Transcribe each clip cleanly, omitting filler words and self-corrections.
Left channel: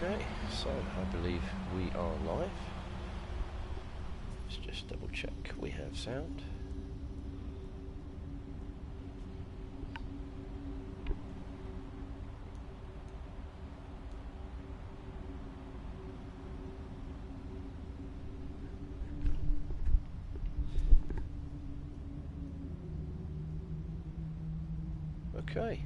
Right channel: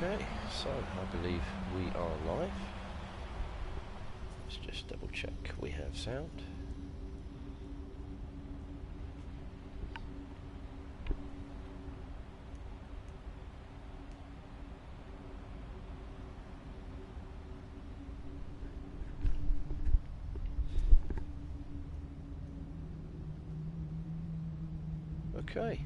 Okay, so I believe we are live. Let's just double check we have sound. Okay.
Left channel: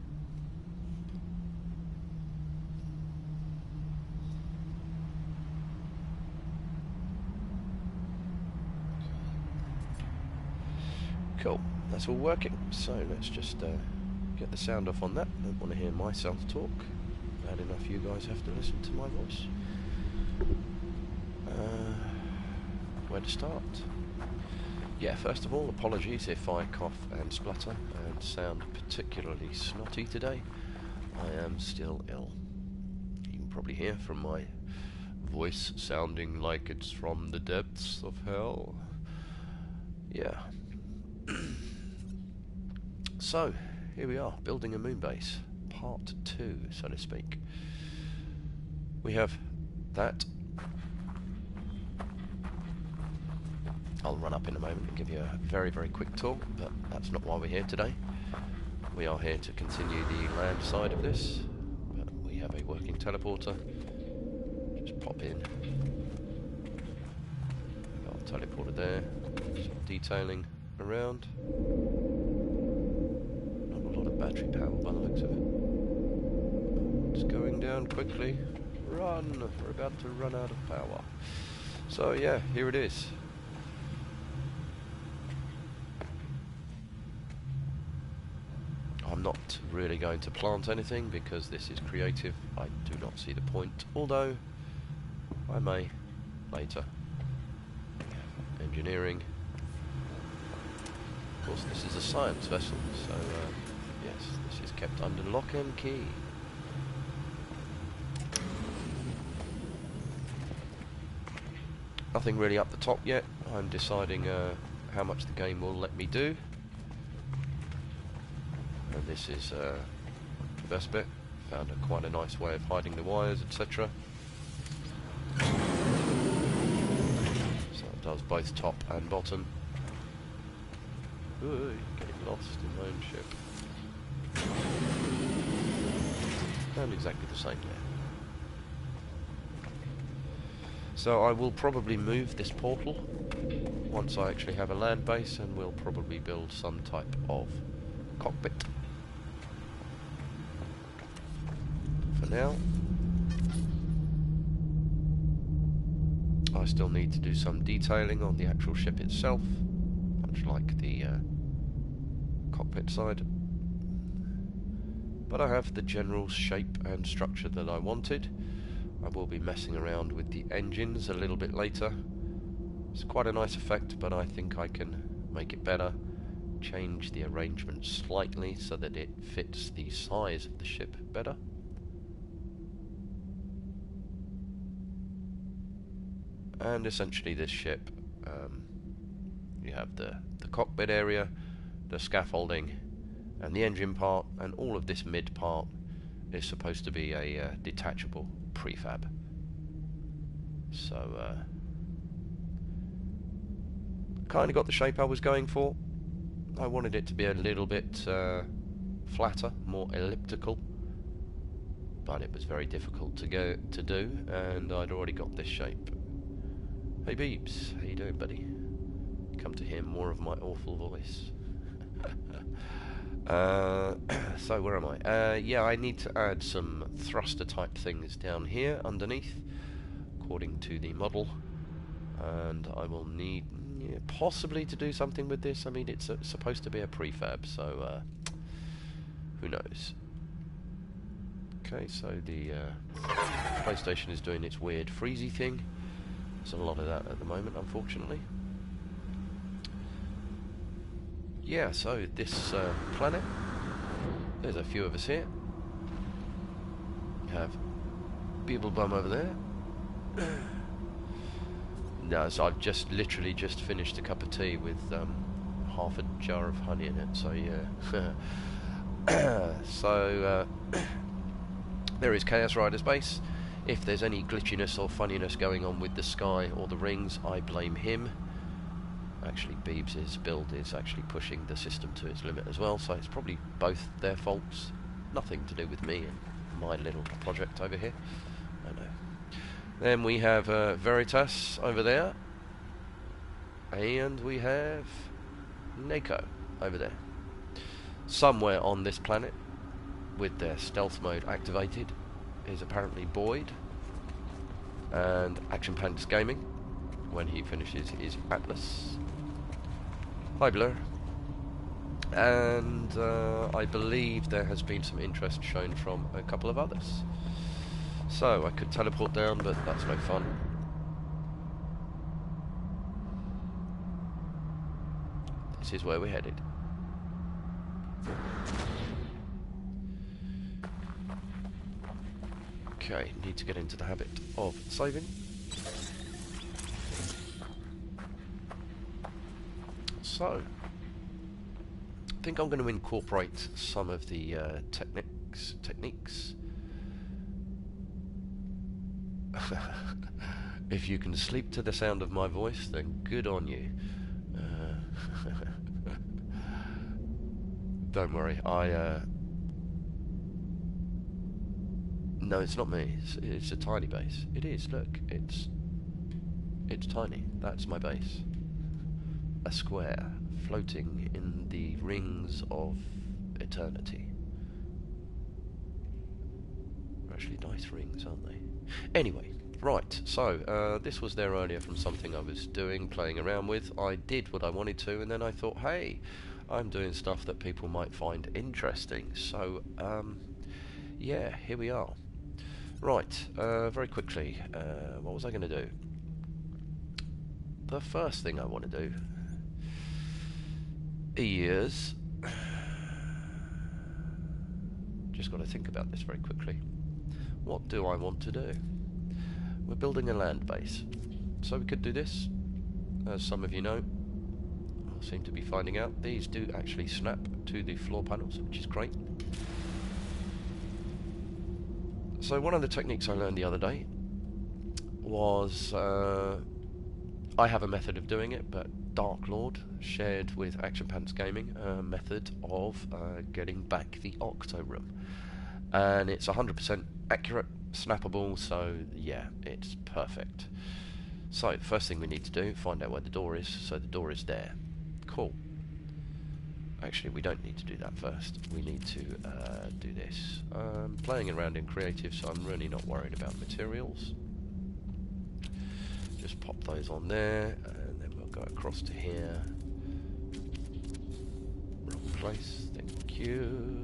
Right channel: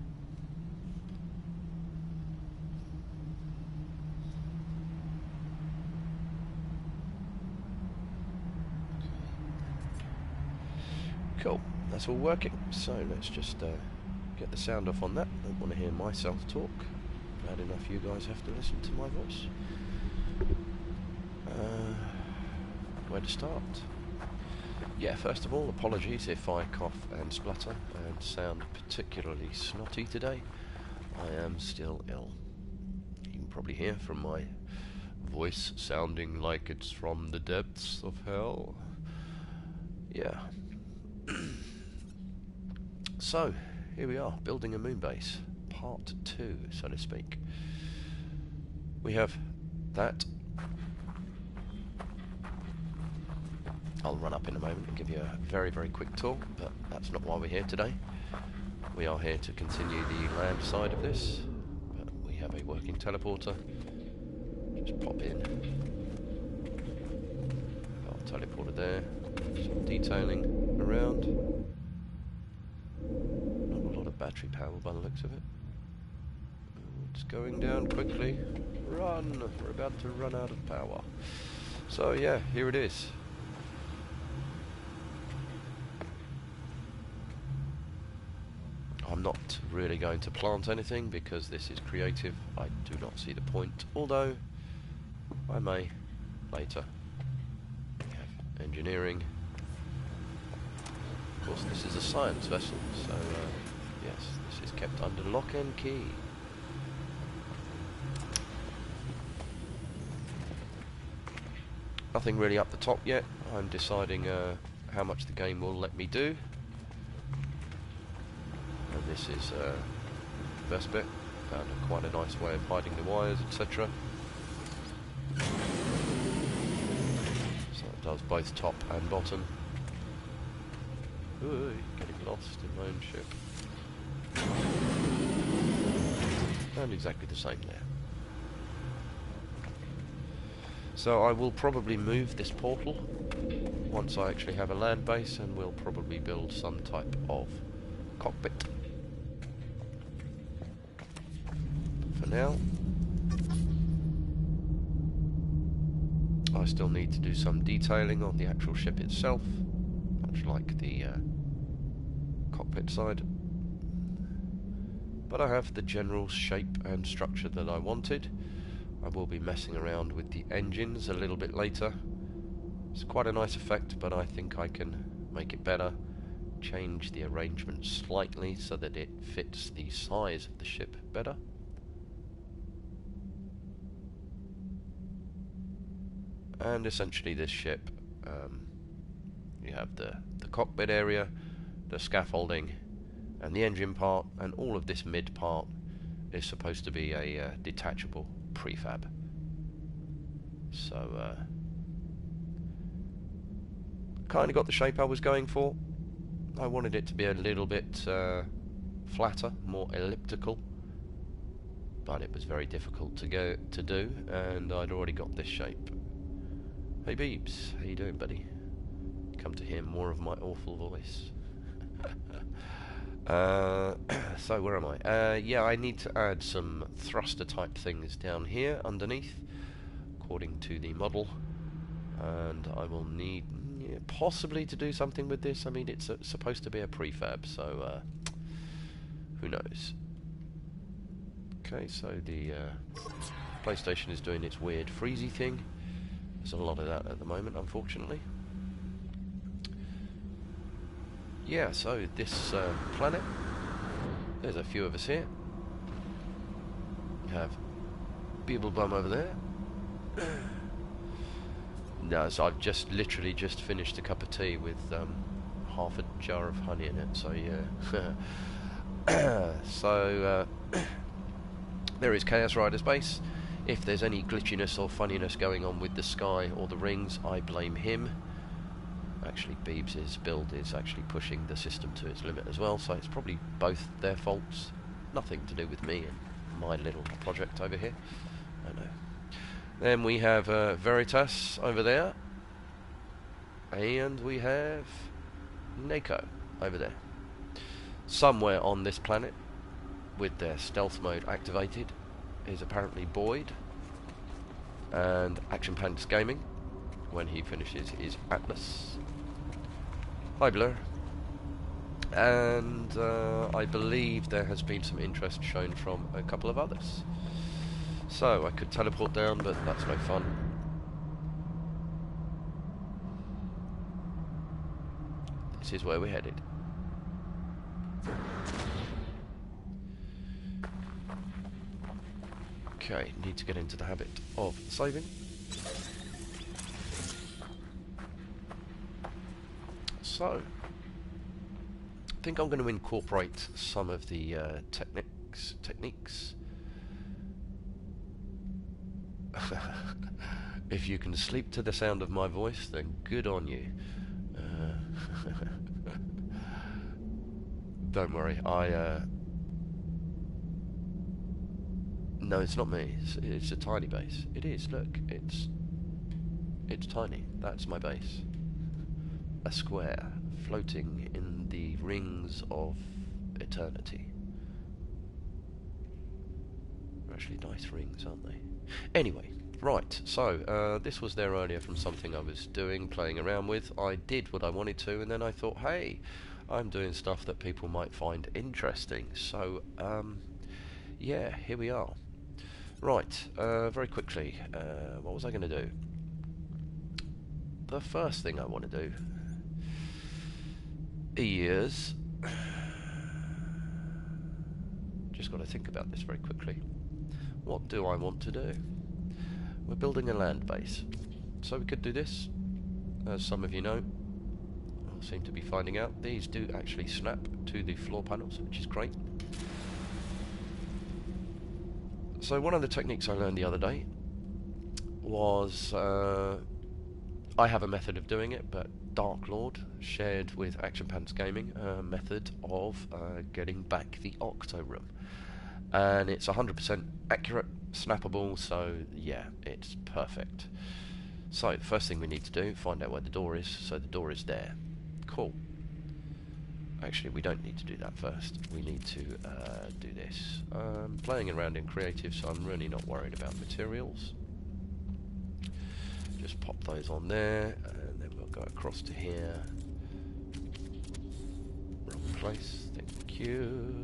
Cool, that's all working. So let's just get the sound off on that. Don't want to hear myself talk. Bad enough you guys have to listen to my voice. Where to start? Yeah, first of all, apologies if I cough and splutter and sound particularly snotty today. I am still ill. You can probably hear from my voice sounding like it's from the depths of hell. Yeah. So, here we are, building a moon base. Part 2, so to speak. We have that. I'll run up in a moment and give you a very, very quick tour, but that's not why we're here today. We are here to continue the land side of this, but we have a working teleporter. Just pop in. Got a teleporter there. Some detailing around. Not a lot of battery power by the looks of it. It's going down quickly. Run! We're about to run out of power. So yeah, here it is. I'm not really going to plant anything because this is creative. I do not see the point, although I may later. We have engineering. Of course, this is a science vessel, so yes, this is kept under lock and key. Nothing really up the top yet. I'm deciding how much the game will let me do. And this is the best bit. Found quite a nice way of hiding the wires, etc. So it does both top and bottom. Ooh, getting lost in my own ship. And exactly the same there. So I will probably move this portal once I actually have a land base, and we'll probably build some type of cockpit. For now, I still need to do some detailing on the actual ship itself, much like the cockpit side. But I have the general shape and structure that I wanted. I will be messing around with the engines a little bit later. It's quite a nice effect, but I think I can make it better. Change the arrangement slightly so that it fits the size of the ship better. And essentially this ship, you have the cockpit area, the scaffolding, and the engine part, and all of this mid part is supposed to be a detachable prefab. So kind of got the shape I was going for. I wanted it to be a little bit flatter, more elliptical, but it was very difficult to do, and I'd already got this shape. Hey Beebs, how you doing, buddy? Come to hear more of my awful voice. So where am I? Yeah, I need to add some thruster type things down here underneath, according to the model, and I will need possibly to do something with this. I mean, it's supposed to be a prefab, so who knows? Okay, so the PlayStation is doing its weird freezy thing. There's a lot of that at the moment, unfortunately. Yeah, so this planet, there's a few of us here. We have Beeblebum over there. No, so I've literally just finished a cup of tea with half a jar of honey in it, so yeah. So there is Chaos Rider's base. If there's any glitchiness or funniness going on with the sky or the rings, I blame him. Actually, Beebs' build is actually pushing the system to its limit as well, so it's probably both their faults. Nothing to do with me and my little project over here. I know. Then we have Veritas over there. And we have Nako over there. Somewhere on this planet, with their stealth mode activated, is apparently Boyd and Action Pants Gaming when he finishes his Atlas. Hi Blur. And I believe there has been some interest shown from a couple of others. So I could teleport down, but that's no fun. This is where we're headed. Okay, need to get into the habit of saving. So, I think I'm going to incorporate some of the techniques. If you can sleep to the sound of my voice, then good on you. Don't worry, no, it's not me. It's a tiny base. It is. Look, it's tiny. That's my base. A square floating in the rings of eternity. They're actually nice rings, aren't they? Anyway, right. So this was there earlier from something I was doing, playing around with. I did what I wanted to, and then I thought, hey, I'm doing stuff that people might find interesting. So yeah, here we are. Right, very quickly, what was I going to do? The first thing I want to do is... just got to think about this very quickly. What do I want to do? We're building a land base. So we could do this. As some of you know, I seem to be finding out, these do actually snap to the floor panels, which is great. So one of the techniques I learned the other day was, I have a method of doing it, but Dark Lord shared with Action Pants Gaming a method of getting back the Octo Room. And it's 100% accurate, snappable, so yeah, it's perfect. So the first thing we need to do, find out where the door is. So the door is there. Cool. Actually, we don't need to do that first. We need to do this. Playing around in creative, so I'm really not worried about materials. Just pop those on there, and then we'll go across to here. Wrong place. Thank you.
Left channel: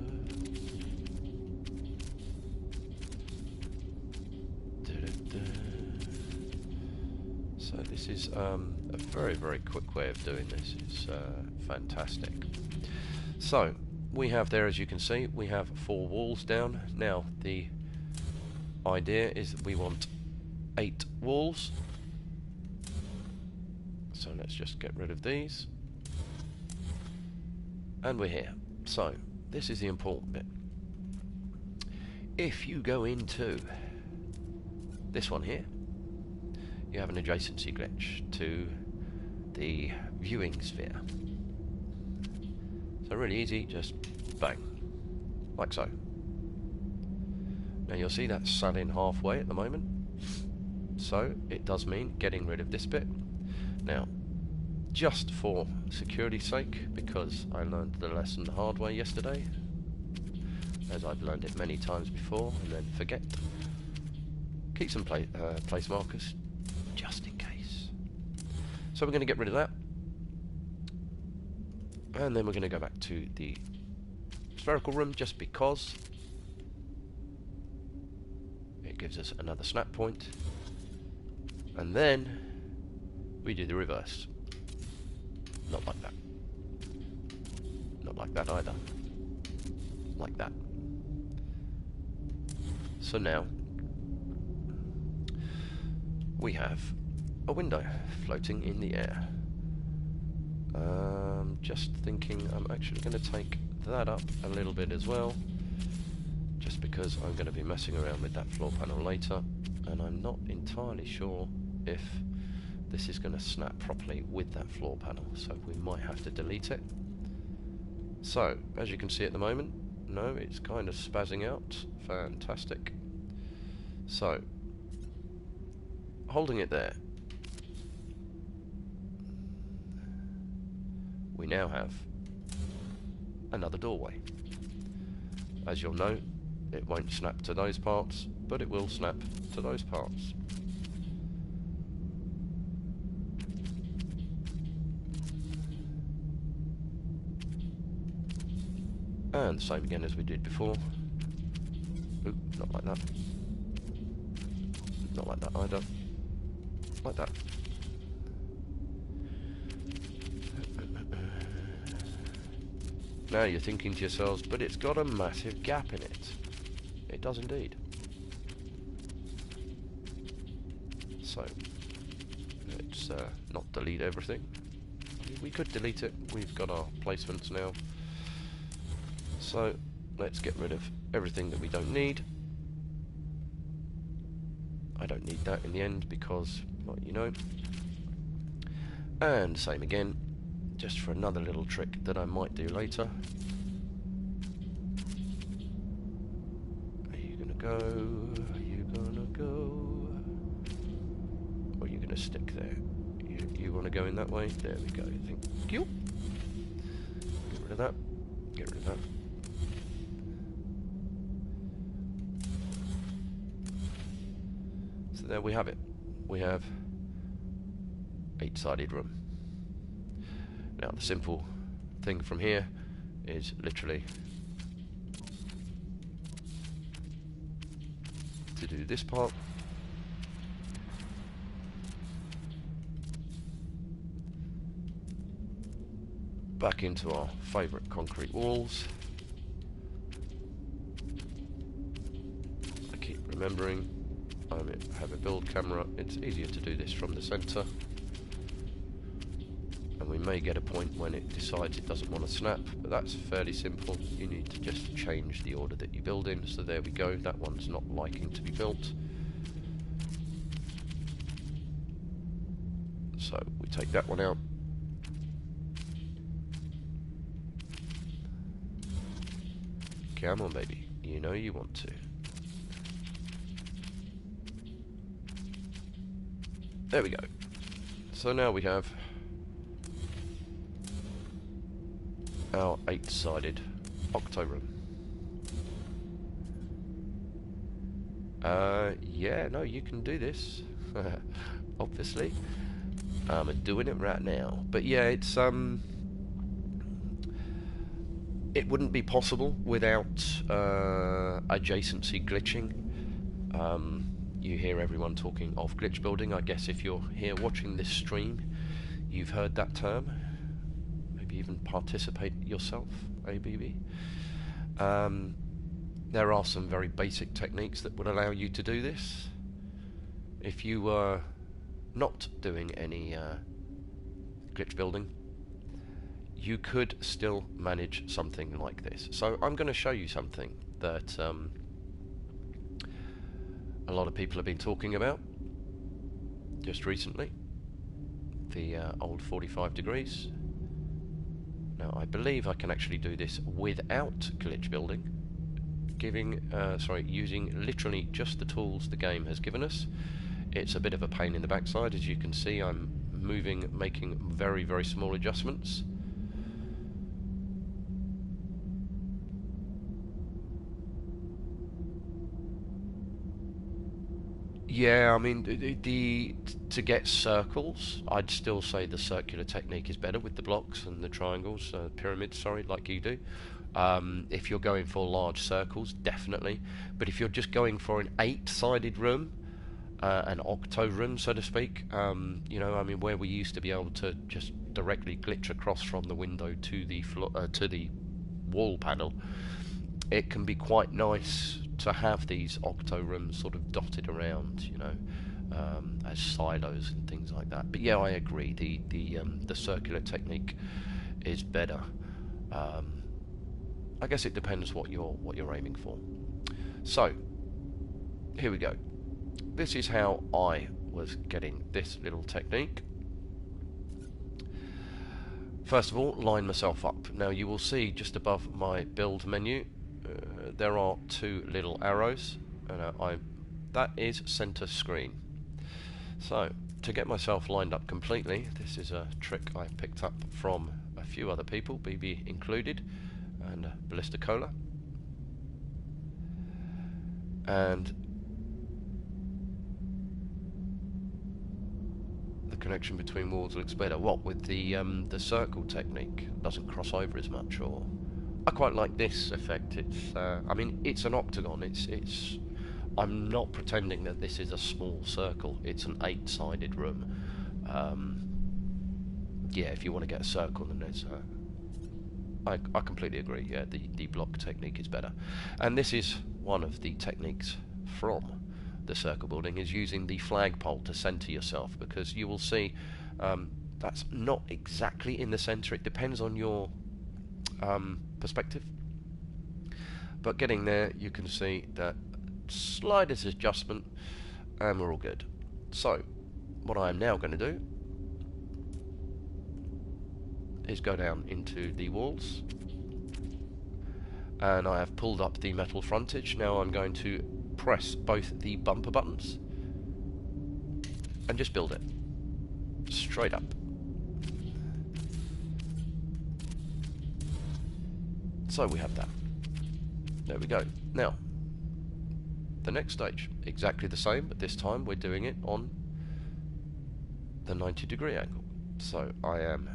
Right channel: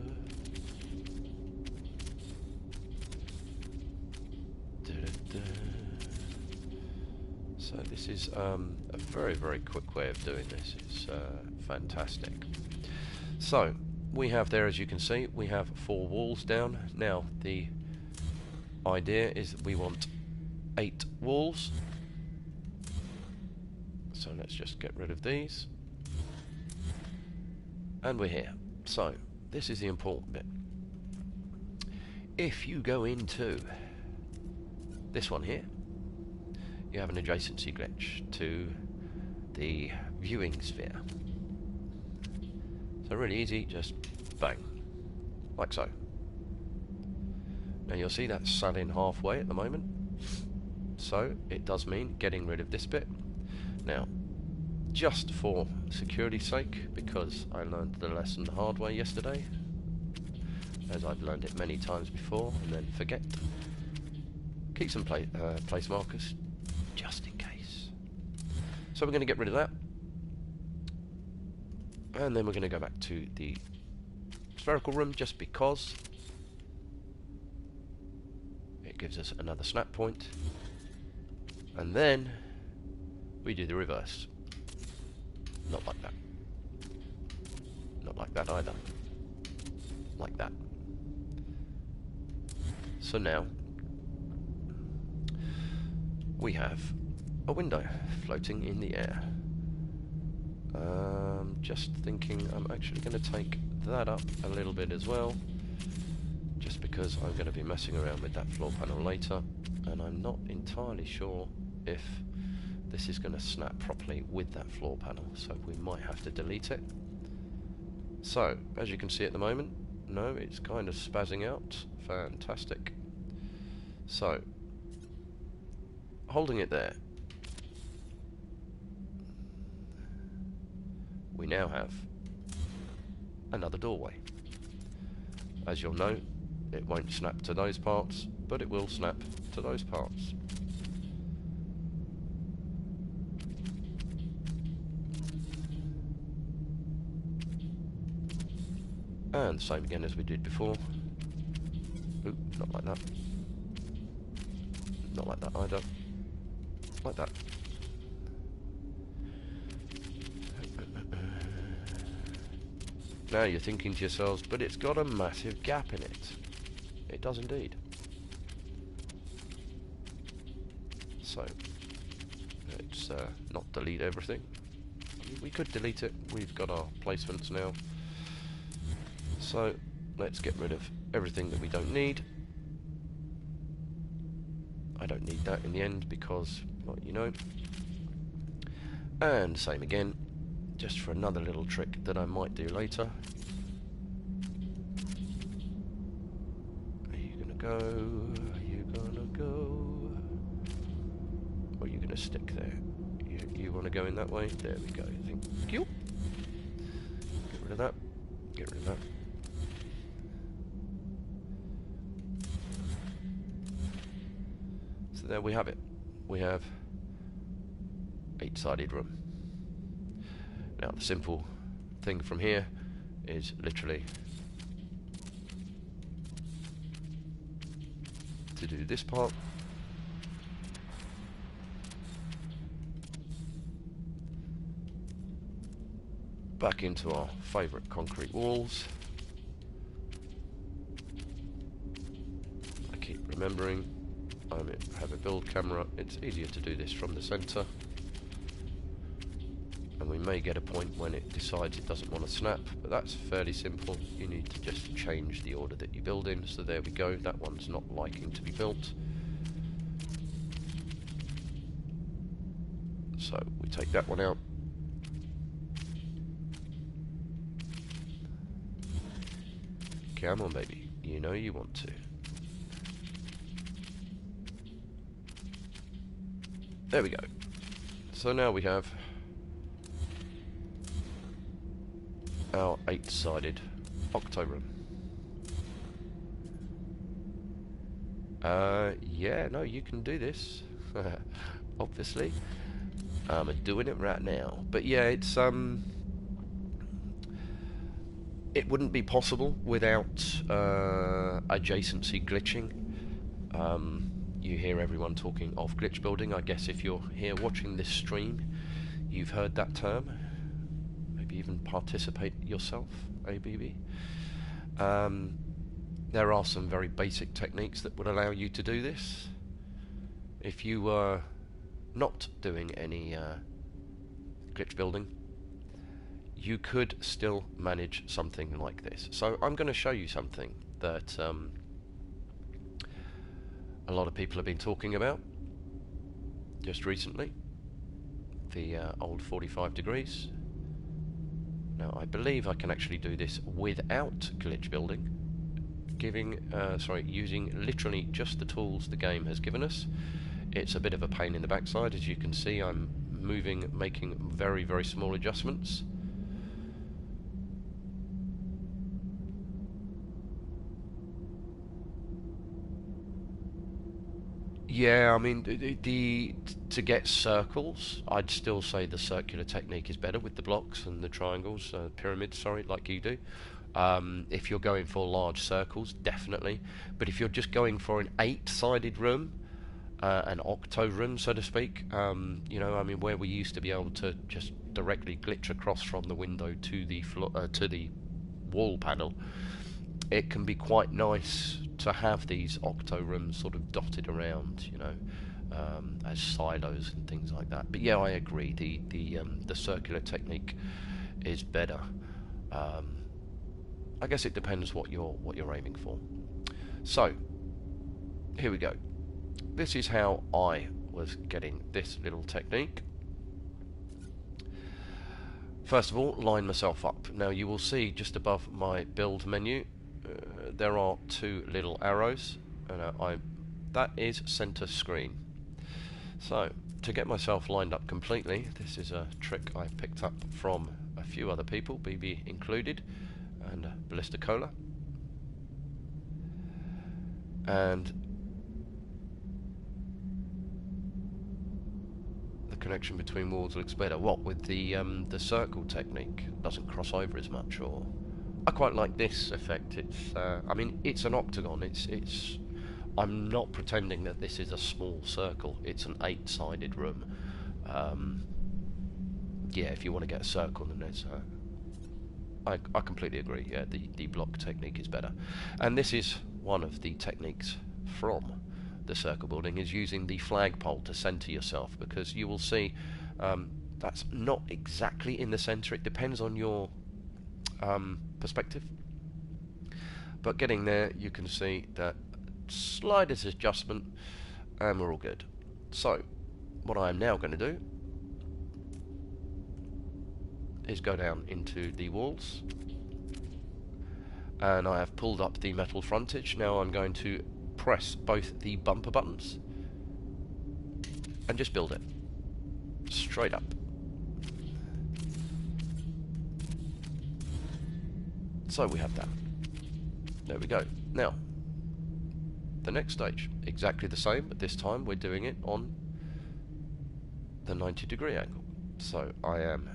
So this is a very, very quick way of doing this. It's fantastic. So we have there, as you can see, we have 4 walls down. Now the idea is that we want 8 walls. So let's just get rid of these. And we're here. So this is the important bit. If you go into this one here, you have an adjacency glitch to the viewing sphere. So really easy, just bang, like so. Now you'll see that's sat in halfway at the moment, so it does mean getting rid of this bit. Now, just for security's sake, because I learned the lesson the hard way yesterday, as I've learned it many times before and then forget, keep some place markers just in case. So we're going to get rid of that, and then we're going to go back to the spherical room just because it gives us another snap point, and then we do the reverse. Not like that. Not like that either. Like that. So now we have a window floating in the air. Just thinking I'm actually going to take that up a little bit as well, just because I'm going to be messing around with that floor panel later, and I'm not entirely sure if this is going to snap properly with that floor panel, so we might have to delete it. So, as you can see at the moment, no, it's kind of spazzing out. Fantastic. So, holding it there, we now have another doorway. As you'll know, it won't snap to those parts, but it will snap to those parts. And same again as we did before. Oop, not like that. Not like that either. Like that. Now you're thinking to yourselves, but it's got a massive gap in it. It does indeed. So, let's not delete everything. I mean, we could delete it. We've got our placements now. So, let's get rid of everything that we don't need. I don't need that in the end because, well, you know. And same again, just for another little trick that I might do later. Are you gonna go? Are you gonna go? Or are you gonna stick there? You want to go in that way? There we go. Thank you. Get rid of that. Get rid of that. So there we have it. We have 8-sided room. Now the simple thing from here is literally to do this part. Back into our favourite concrete walls. I keep remembering I have a build camera. It's easier to do this from the centre. And we may get a point when it decides it doesn't want to snap, but that's fairly simple. You need to just change the order that you build in. So there we go, that one's not liking to be built. So we take that one out. Come on baby, you know you want to. There we go. So now we have our 8-sided octo room. Yeah, no, you can do this. Obviously. I'm doing it right now. But yeah, it's it wouldn't be possible without adjacency glitching. You hear everyone talking of glitch building. I guess if you're here watching this stream, you've heard that term. Maybe even participate yourself, ABB. There are some very basic techniques that would allow you to do this. If you were not doing any glitch building, you could still manage something like this. So I'm going to show you something that a lot of people have been talking about just recently. The old 45 degrees. Now I believe I can actually do this without glitch building, using literally just the tools the game has given us. It's a bit of a pain in the backside. As you can see, I'm making very, very small adjustments. Yeah, I mean, to get circles, I'd still say the circular technique is better with the blocks and the triangles, pyramids, sorry, like you do. If you're going for large circles, definitely. But if you're just going for an 8-sided room, an octo room, so to speak, you know, I mean, where we used to be able to just directly glitch across from the window to the to the wall panel, it can be quite nice to have these octo rooms sort of dotted around, you know, as silos and things like that. But yeah, I agree. The circular technique is better. I guess it depends what you're aiming for. So, here we go. This is how I was getting this little technique. First of all, line myself up. Now you will see just above my build menu there are two little arrows, and that is center screen. So to get myself lined up completely, this is a trick I picked up from a few other people, BB included, and Ballista Cola. And the connection between walls looks better. What with the circle technique? Doesn't cross over as much. Or I quite like this effect. It's I mean, it's an octagon. It's I'm not pretending that this is a small circle. It's an 8-sided room. Yeah, if you want to get a circle, then there's I completely agree. Yeah, the block technique is better, and this is one of the techniques from the circle building, is using the flagpole to center yourself, because you will see that's not exactly in the center. It depends on your perspective, but getting there, you can see that slightest adjustment and we're all good. So what I am now going to do is go down into the walls, and I have pulled up the metal frontage. Now I'm going to press both the bumper buttons and just build it straight up. So we have that. There we go. Now the next stage, exactly the same, but this time we're doing it on the 90-degree angle. So I am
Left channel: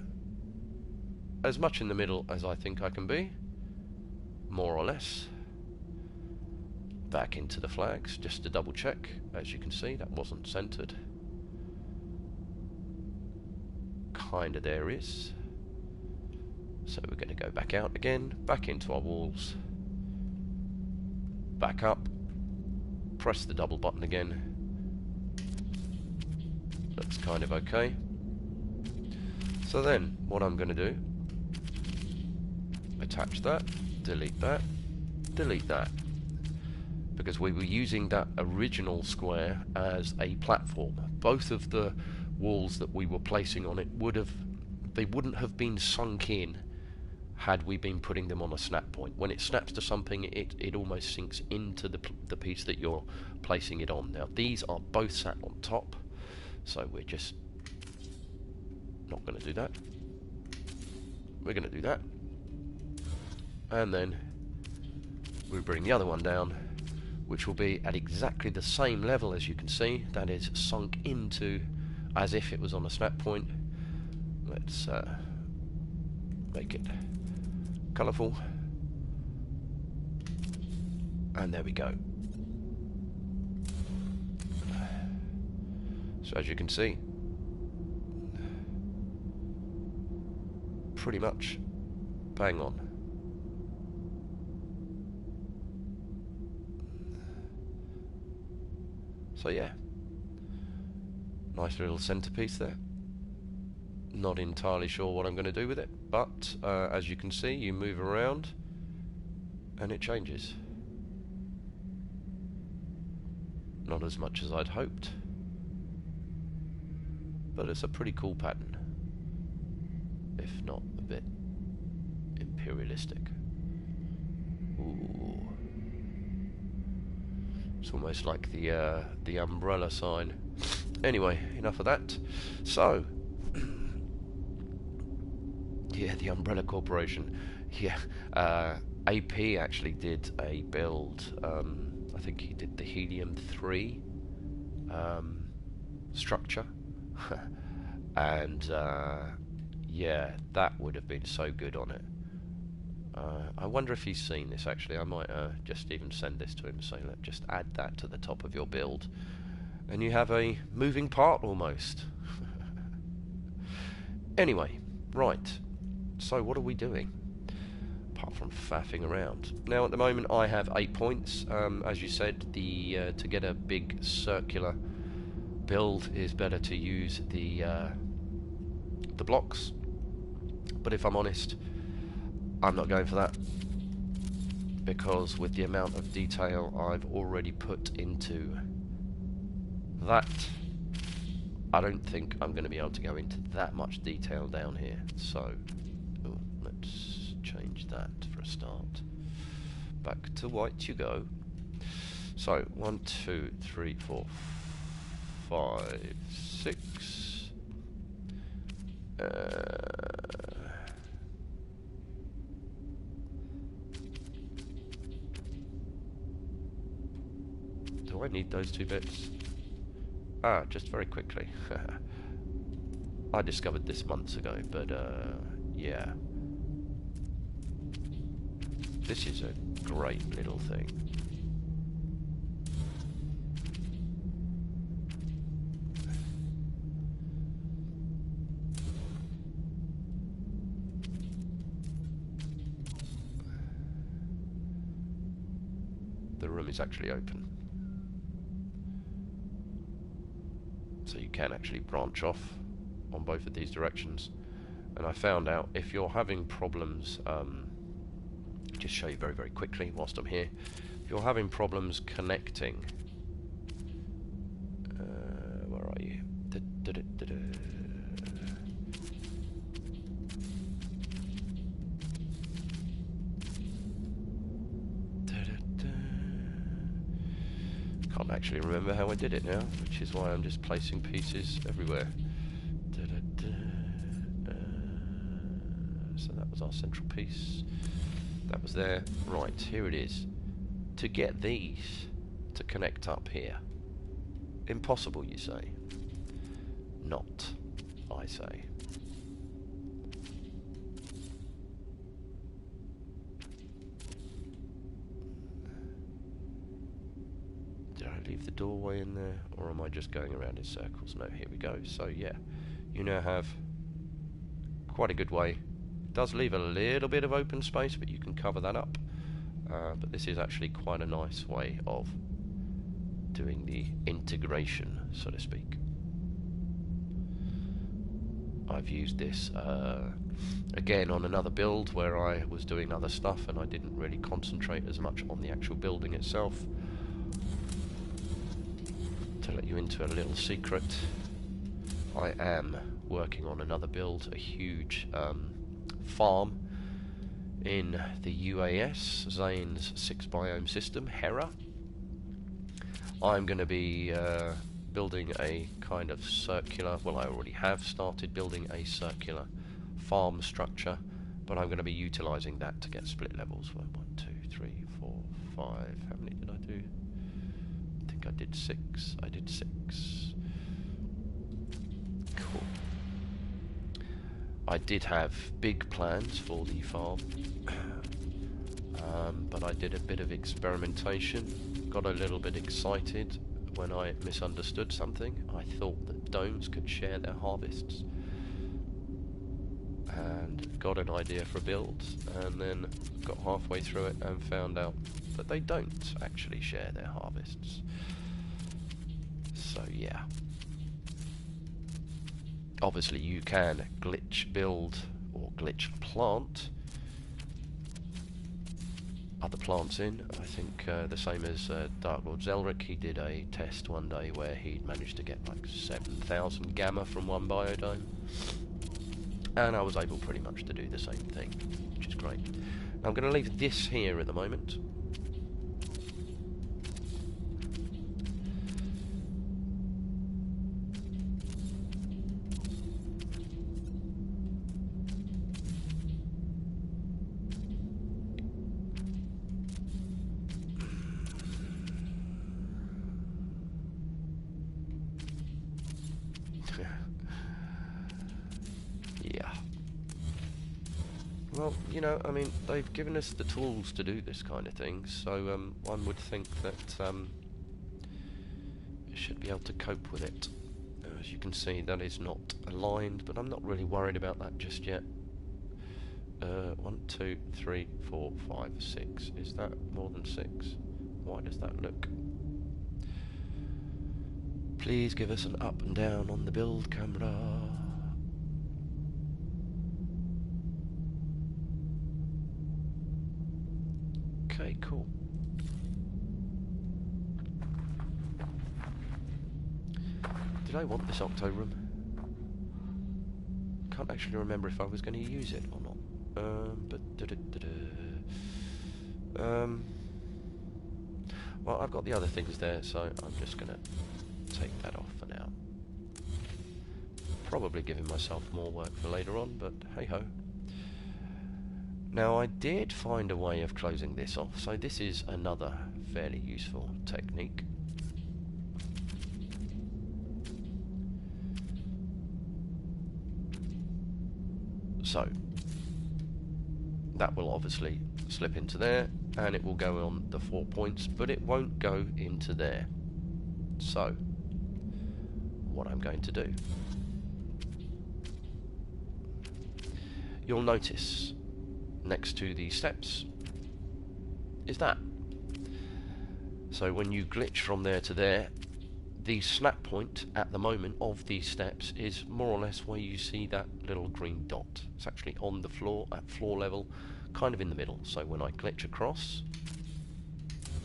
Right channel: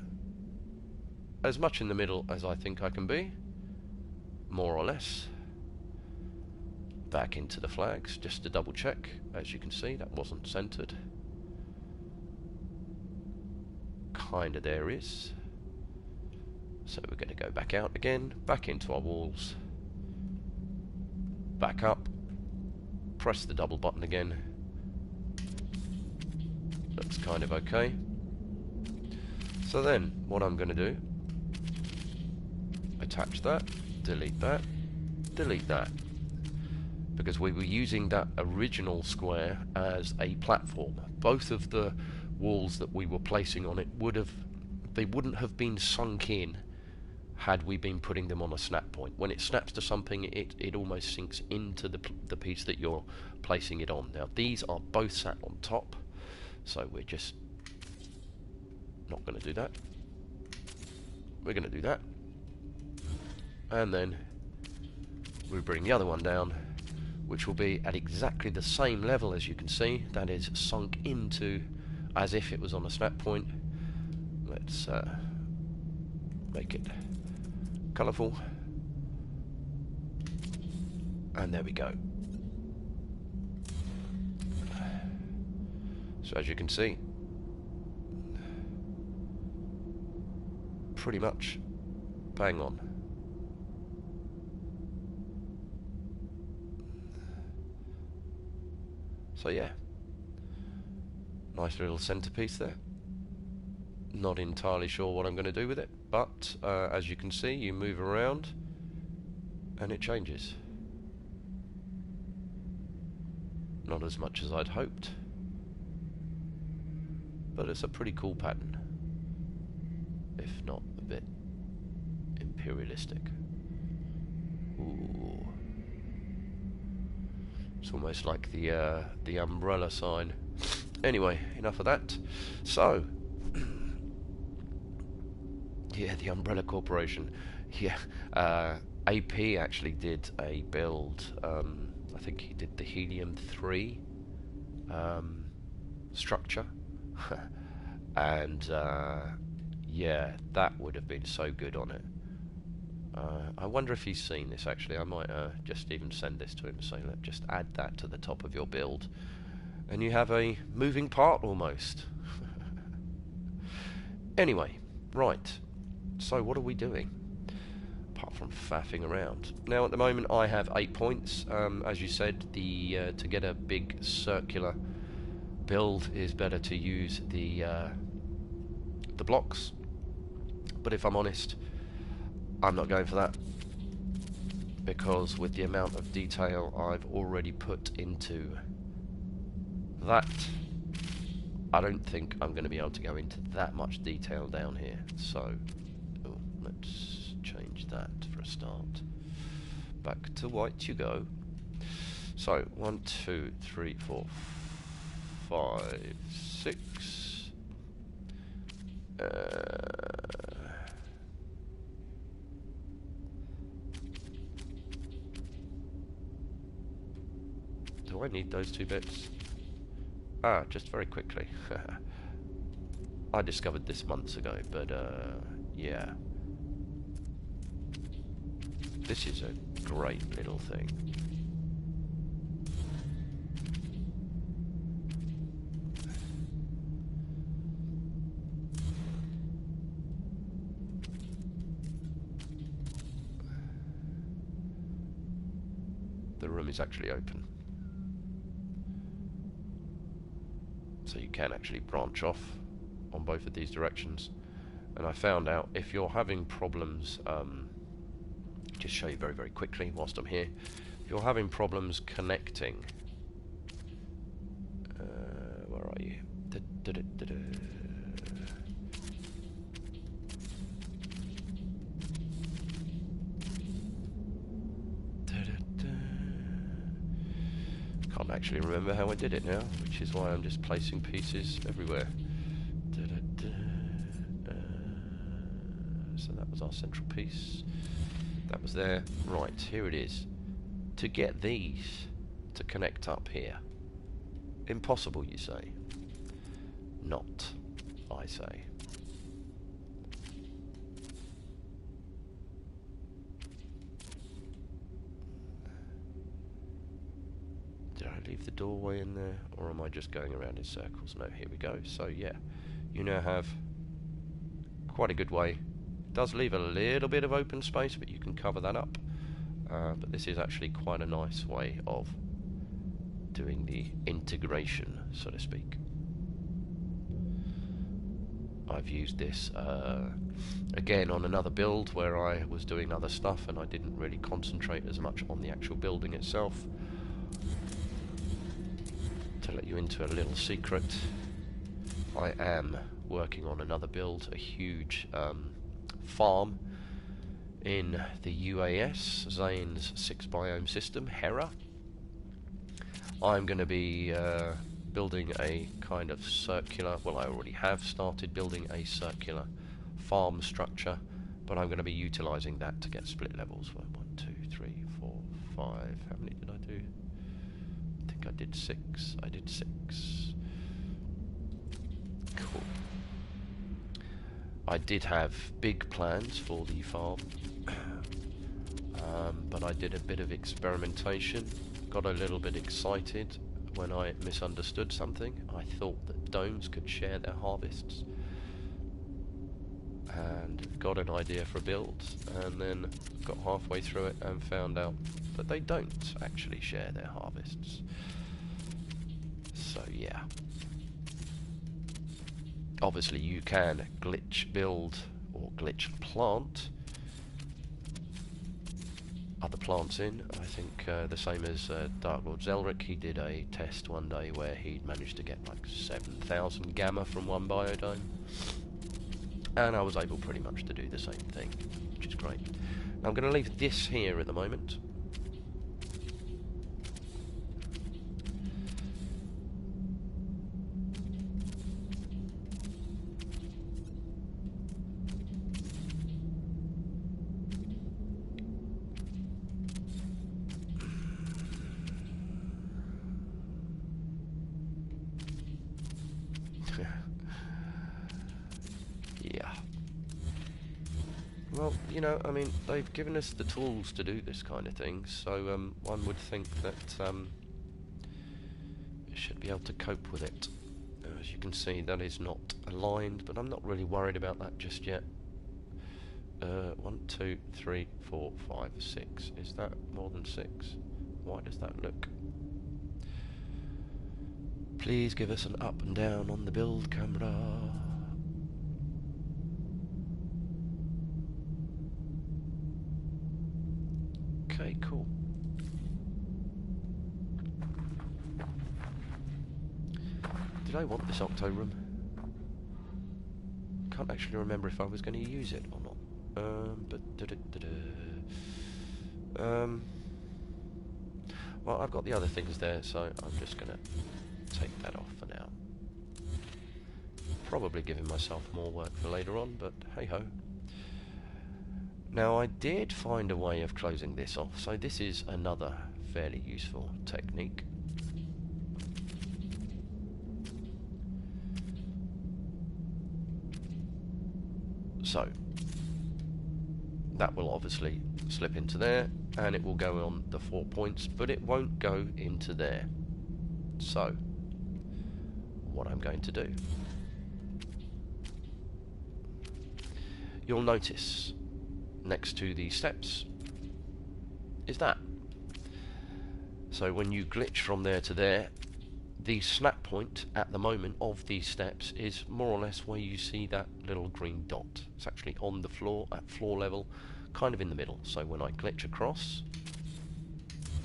as much in the middle as I think I can be, more or less. Back into the flags, just to double check. As you can see, that wasn't centered. Kinda there is. So we're going to go back out again, back into our walls, back up, press the double button again. Looks kind of okay. So then what I'm going to do, attach that, delete that, delete that, because we were using that original square as a platform. Both of the walls that we were placing on it wouldn't have been sunk in had we been putting them on a snap point. When it snaps to something, it almost sinks into the piece that you're placing it on. Now these are both sat on top, so we're just not going to do that. We're going to do that, and then we bring the other one down, which will be at exactly the same level. As you can see, that is sunk into as if it was on a snap point. Let's make it colourful, and there we go. So as you can see, pretty much bang on. So yeah, nice little centerpiece there. Not entirely sure what I'm going to do with it, but as you can see, you move around and it changes. Not as much as I'd hoped, but it's a pretty cool pattern, if not a bit imperialistic. Ooh. It's almost like the umbrella sign. Anyway, enough of that. So yeah, the Umbrella Corporation. Yeah, AP actually did a build. I think he did the Helium-3 structure, and yeah, that would have been so good on it. I wonder if he's seen this. Actually, I might just even send this to him and say, "Look, just add that to the top of your build, and you have a moving part almost." Anyway, right. So what are we doing apart from faffing around? Now at the moment I have 8 points. As you said, to get a big circular build is better to use the blocks. But if I'm honest, I'm not going for that. because with the amount of detail I've already put into that, I don't think I'm going to be able to go into that much detail down here. So, let's change that for a start. Back to white you go. So, 1, 2, 3, 4, 5, 6. Do I need those 2 bits? Just very quickly. I discovered this months ago, but yeah. This is a great little thing. The room is actually open. So you can actually branch off on both of these directions. And I found out if you're having problems, just show you very, very quickly whilst I'm here. If you're having problems connecting, where are you? Can't actually remember how I did it now, which is why I'm just placing pieces everywhere. So that was our central piece. That was there. Right, here it is. To get these to connect up here. Impossible, you say? Not, I say. Did I leave the doorway in there, or am I just going around in circles? No, here we go. So yeah, you now have quite a good way. It does leave a little bit of open space, but you can cover that up. But this is actually quite a nice way of doing the integration, so to speak. I've used this again on another build where I was doing other stuff and I didn't really concentrate as much on the actual building itself. To let you into a little secret, I am working on another build, a huge farm in the UAS, Zane's 6 biome system, Hera. I'm going to be building a kind of circular, well, I already have started building a circular farm structure, but I'm going to be utilising that to get split levels. 1, 2, 3, 4, 5. How many did I do? I think I did 6. I did 6. Cool. I did have big plans for the farm, but I did a bit of experimentation, got a little bit excited when I misunderstood something. I thought that domes could share their harvests, and got an idea for a build, and then got halfway through it and found out that they don't actually share their harvests. So yeah. Obviously you can glitch build or glitch plant other plants in. I think the same as Dark Lord Zelric, he did a test one day where he'd managed to get like 7,000 gamma from one biodome, and I was able pretty much to do the same thing, which is great. Now I'm going to leave this here at the moment. Yeah. Well, you know, I mean, they've given us the tools to do this kind of thing, so one would think that it should be able to cope with it. As you can see, that is not aligned, but I'm not really worried about that just yet. 1, 2, 3, 4, 5, 6. Is that more than 6? Why does that look? Please give us an up and down on the build camera. Okay, Okay, cool. Did I want this octo room? Can't actually remember if I was going to use it or not. Well, I've got the other things there, so I'm just going to take that off for now. Probably giving myself more work for later on, but hey-ho. Now, I did find a way of closing this off, so this is another fairly useful technique. So, that will obviously slip into there, and it will go on the 4 points, but it won't go into there. So, what I'm going to do, you'll notice next to the steps is that. So when you glitch from there to there, the snap point at the moment of these steps is more or less where you see that little green dot. It's actually on the floor, at floor level, kind of in the middle. So when I glitch across,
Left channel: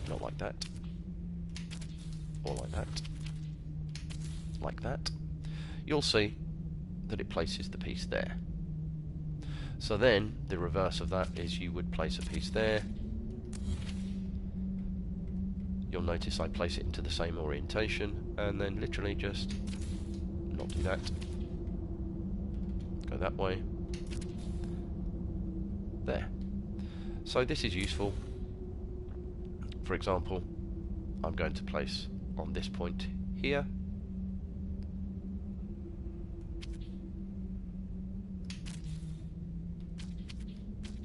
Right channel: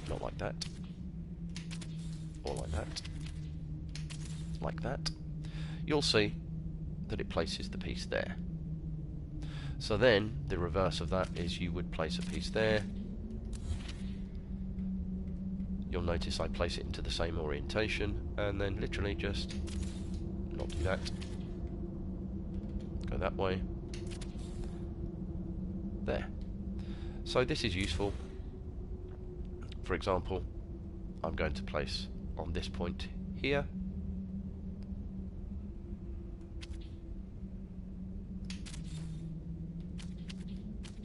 not like that, or like that, you'll see that it places the piece there. So then, the reverse of that is you would place a piece there. You'll notice I place it into the same orientation, and then literally just not do that. Go that way. There. So this is useful. For example, I'm going to place on this point here.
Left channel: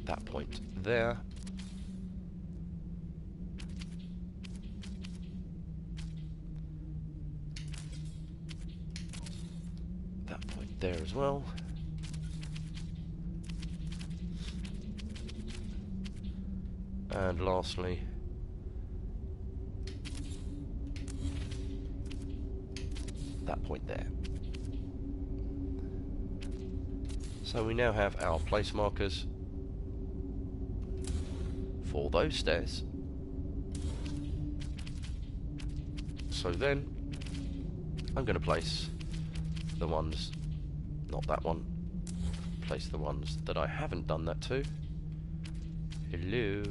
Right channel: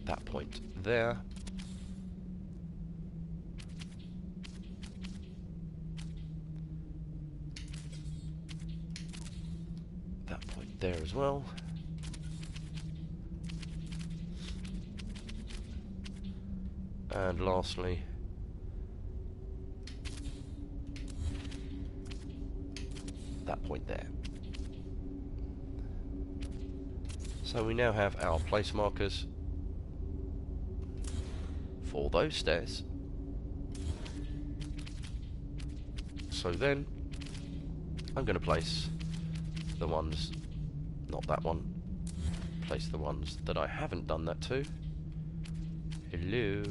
That point there. That point there as well. And lastly, that point there. So we now have our place markers for those stairs. So then I'm going to place the ones, not that one, place the ones that I haven't done that to. Hello,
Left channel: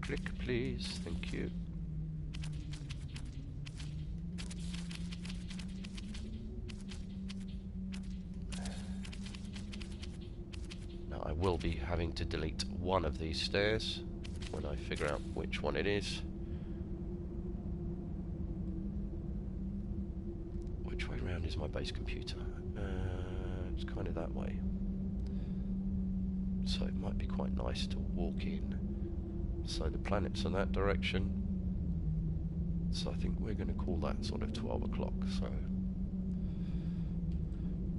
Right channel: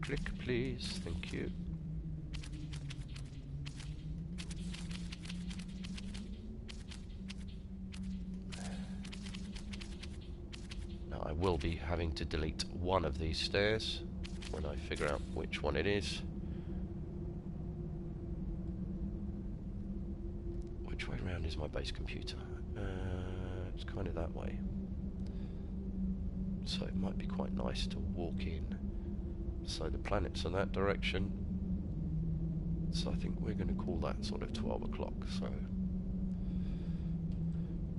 click please, thank you. Now I will be having to delete one of these stairs when I figure out which one it is. Which way round is my base computer? It's kind of that way. So it might be quite nice to walk in. So the planets are that direction. So I think we're going to call that sort of 12 o'clock. So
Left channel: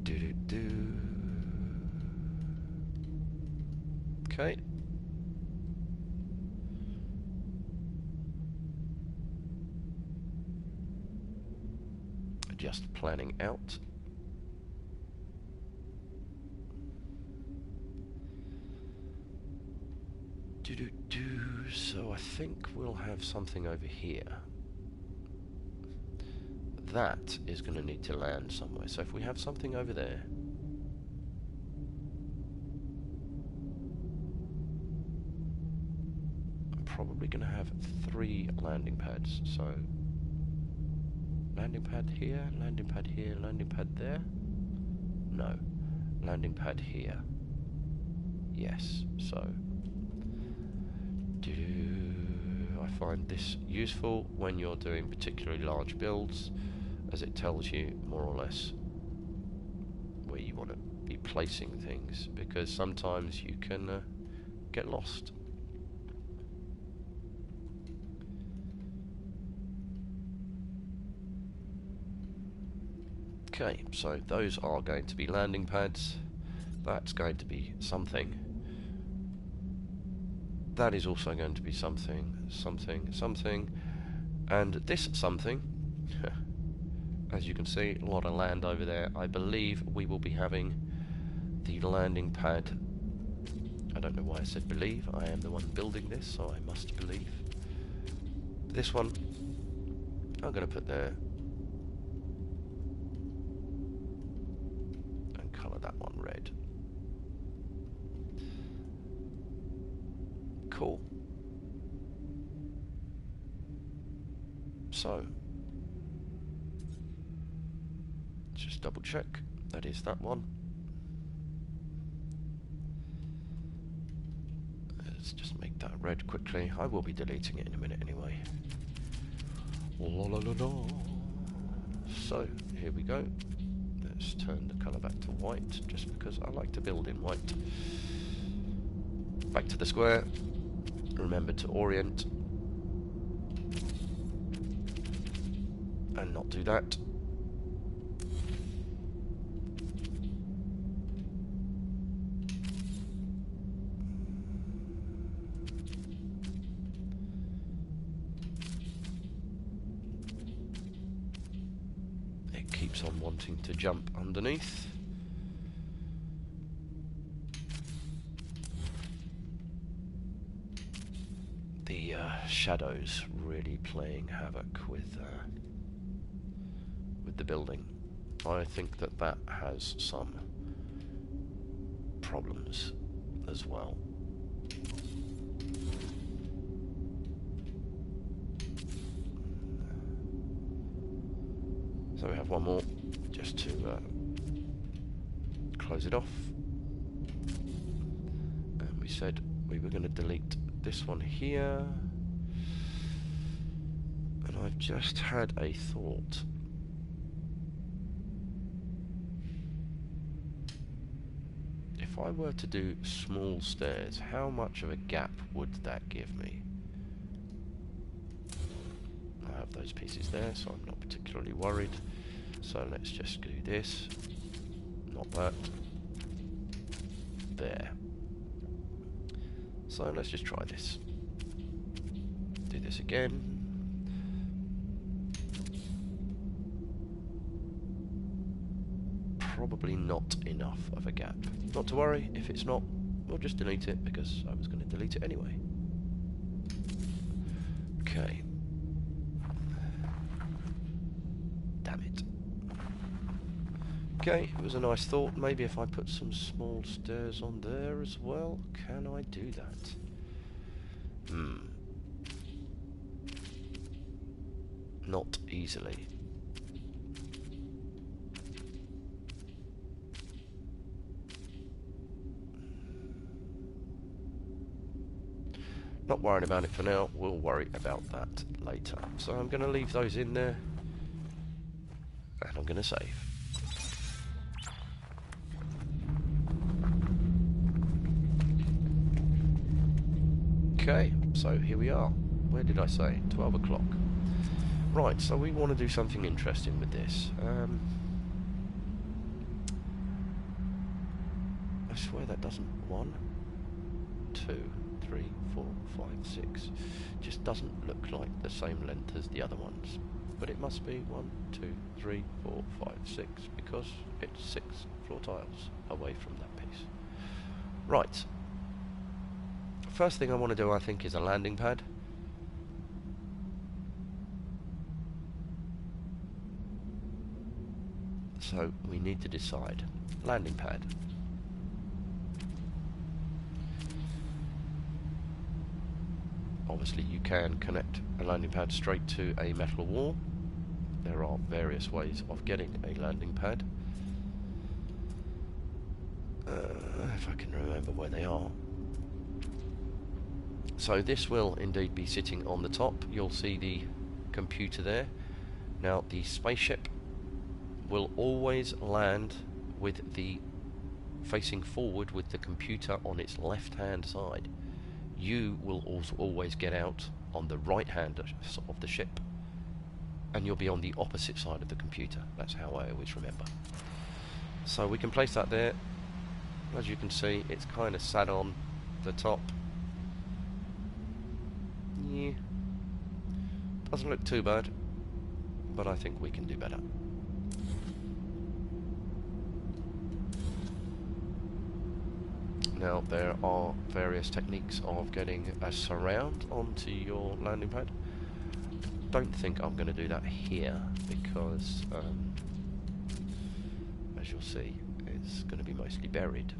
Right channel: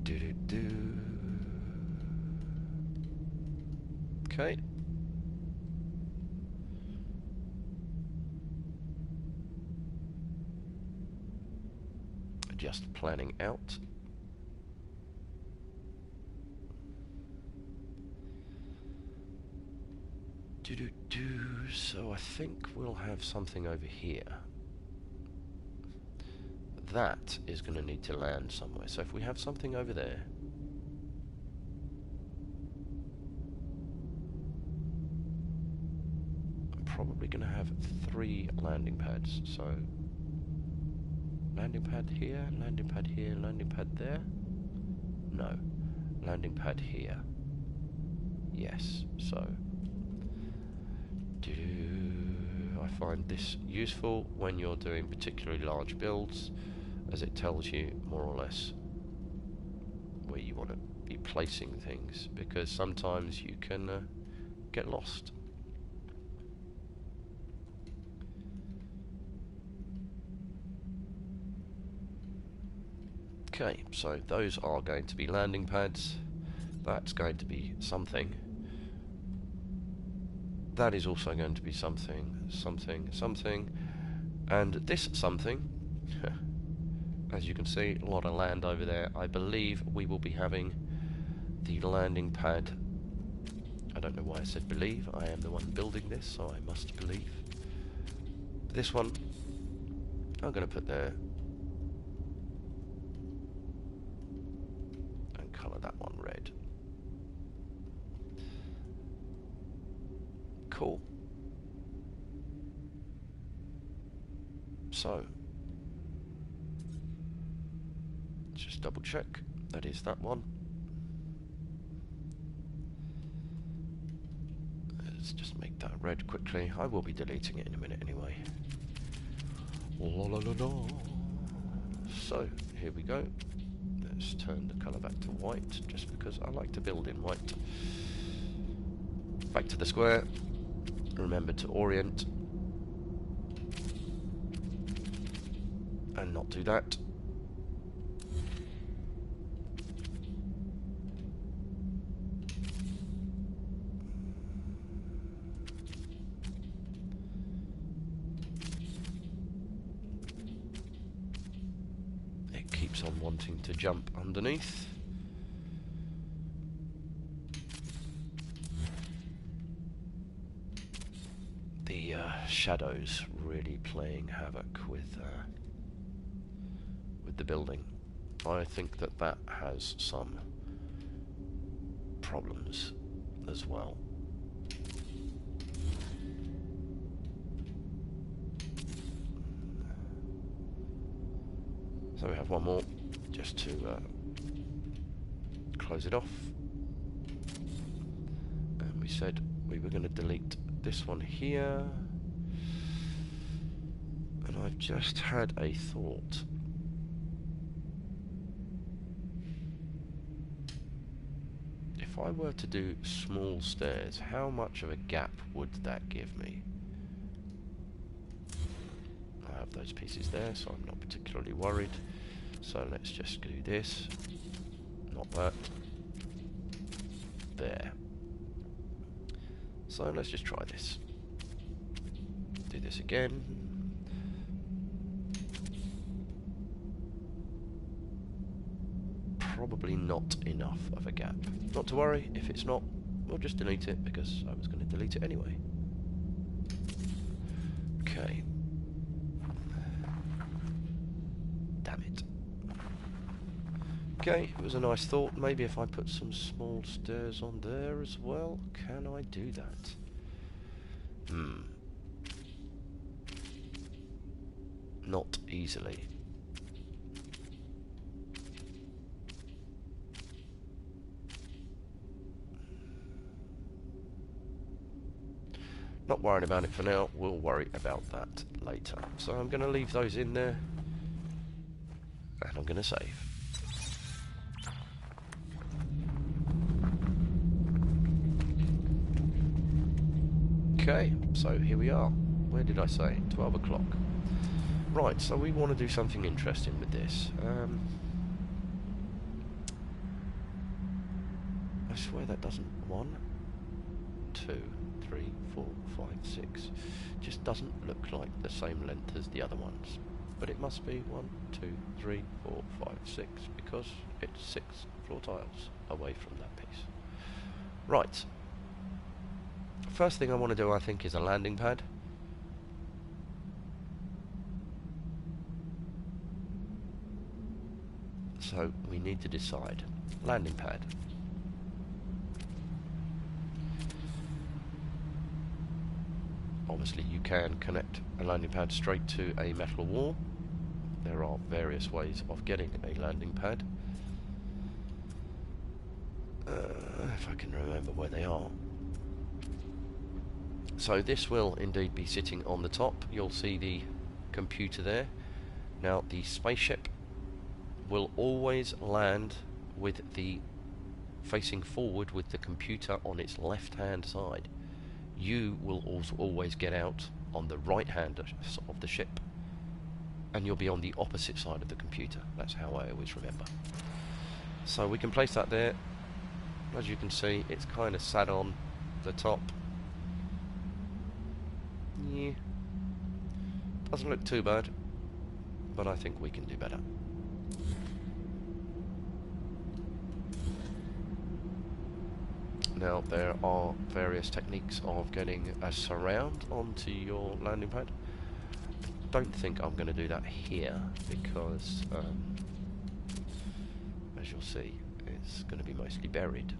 do. Okay. Just planning out. So I think we'll have something over here. That is going to need to land somewhere. So if we have something over there, I'm probably going to have 3 landing pads. So landing pad here, landing pad here, landing pad there. No, landing pad here. Yes, so I find this useful when you're doing particularly large builds, as it tells you more or less where you want to be placing things, because sometimes you can get lost. Okay, so those are going to be landing pads. That's going to be something. That is also going to be something, and this something, as you can see, a lot of land over there. I believe we will be having the landing pad I don't know why I said believe. I am the one building this, so I must believe. This one, I'm going to put there. And colour that one red. Cool. So, let's just double check. That is that one. Let's just make that red quickly. I will be deleting it in a minute anyway. La la la la. So, here we go. Let's turn the colour back to white, just because I like to build in white. Back to the square. Remember to orient. And not do that. It keeps on wanting to jump underneath. The shadows really playing havoc with the building. I think that that has some problems as well. So we have one more just to close it off. And we said we were going to delete this one here. And I've just had a thought. If I were to do small stairs, how much of a gap would that give me? I have those pieces there, so I'm not particularly worried. So let's just do this. Not that. There. So let's just try this. Do this again. Probably not enough of a gap. Not to worry, if it's not, we'll just delete it, because I was going to delete it anyway. Okay. Damn it. Okay, it was a nice thought. Maybe if I put some small stairs on there as well, can I do that? Not easily. Not worrying about it for now, we'll worry about that later. So I'm going to leave those in there, and I'm going to save. Okay, so here we are. Where did I say? 12 o'clock. Right, so we want to do something interesting with this. I swear that doesn't... 1, 2, 3, 4, 5, 6. Just doesn't look like the same length as the other ones. But it must be 1, 2, 3, 4, 5, 6, because it's 6 floor tiles away from that piece. Right. First thing I want to do, I think, is a landing pad. So we need to decide. Landing pad. Obviously you can connect a landing pad straight to a metal wall. There are various ways of getting a landing pad. If I can remember where they are. So this will indeed be sitting on the top. You'll see the computer there. Now the spaceship will always land with the facing forward with the computer on its left hand side. You will also always get out on the right hand of the ship, and you'll be on the opposite side of the computer. That's how I always remember. So we can place that there. As you can see, it's kind of sat on the top. Yeah, doesn't look too bad, but I think we can do better. Now there are various techniques of getting a surround onto your landing pad. Don't think I'm going to do that here because, as you'll see, it's going to be mostly buried.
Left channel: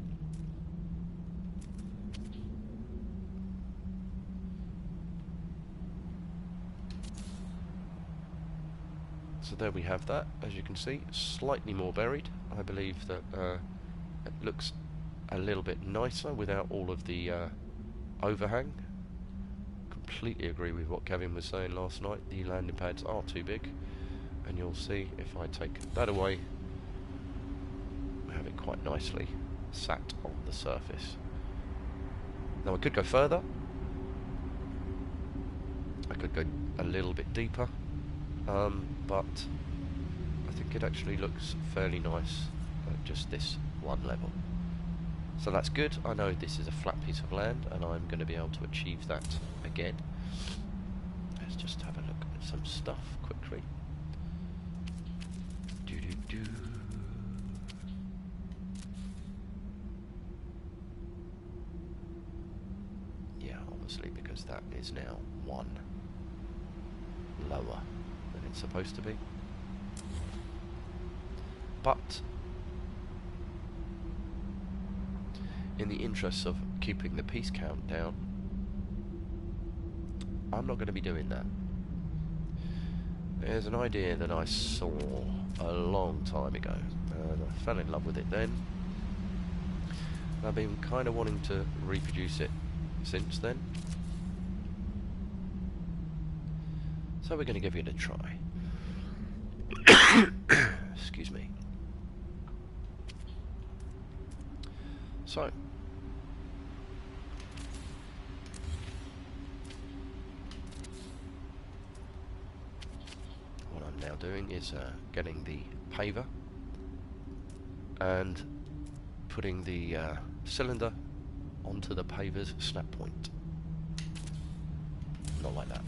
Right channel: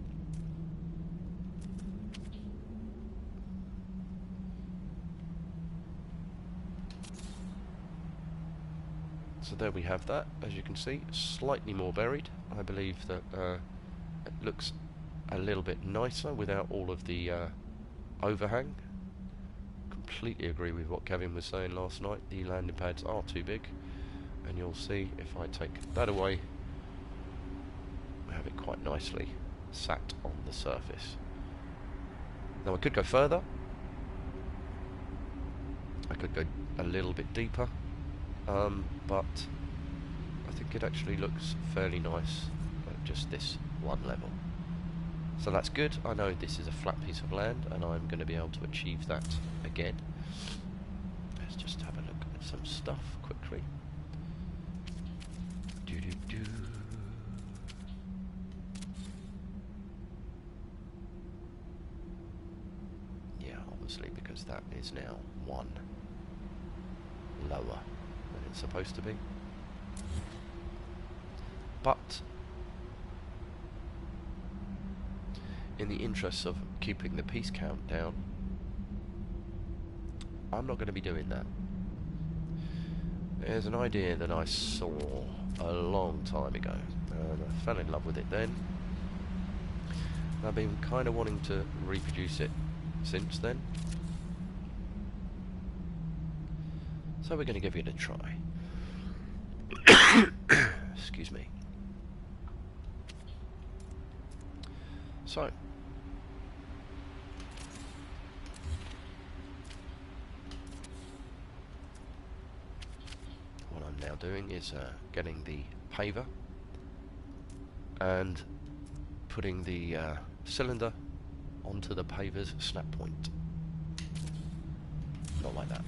So there we have that. As you can see, slightly more buried. I believe that it looks a little bit nicer without all of the overhang. Completely agree with what Kevin was saying last night. The landing pads are too big, and you'll see if I take that away, we have it quite nicely sat on the surface. Now I could go further. I could go a little bit deeper, but I think it actually looks fairly nice at just this one level. So that's good. I know this is a flat piece of land and I'm going to be able to achieve that again. Let's just have a look at some stuff quickly. Yeah, obviously because that is now one lower than it's supposed to be. But in the interests of keeping the piece count down, I'm not going to be doing that. There's an idea that I saw a long time ago, and I fell in love with it then. I've been kind of wanting to reproduce it since then. So we're going to give it a try. Excuse me. So, what I'm now doing is getting the paver and putting the cylinder onto the paver's snap point. Not like that.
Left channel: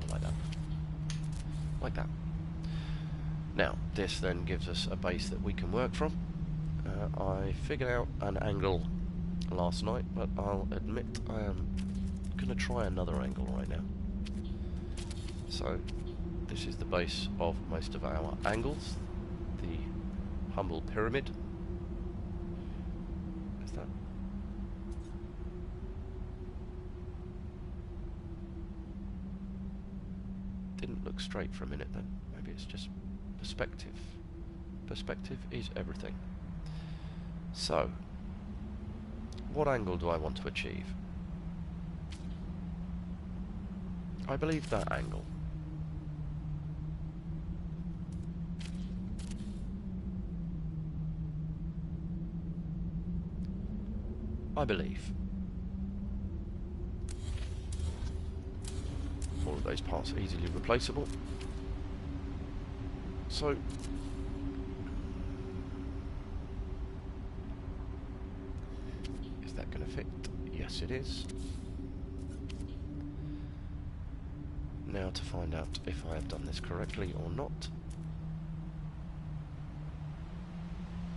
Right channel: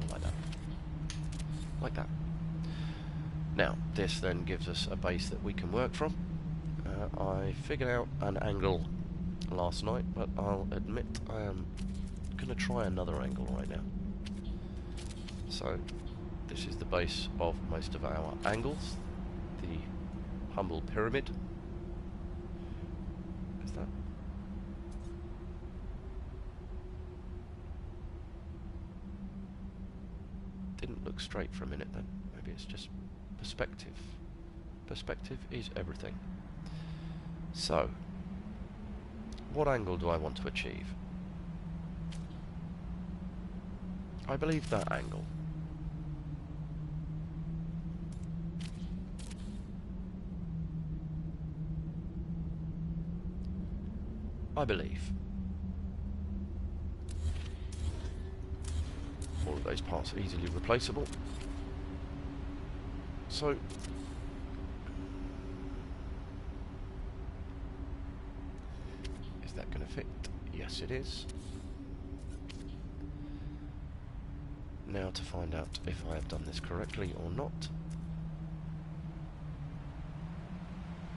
Not like that. Like that. Now, this then gives us a base that we can work from. I figured out an angle last night, but I'll admit I am going to try another angle right now. So, this is the base of most of our angles. The humble pyramid. Is that? Didn't look straight for a minute then. Maybe it's just perspective. Perspective is everything. So, what angle do I want to achieve? I believe that angle. I believe. All of those parts are easily replaceable. So, is that going to fit? Yes, it is. Now to find out if I have done this correctly or not.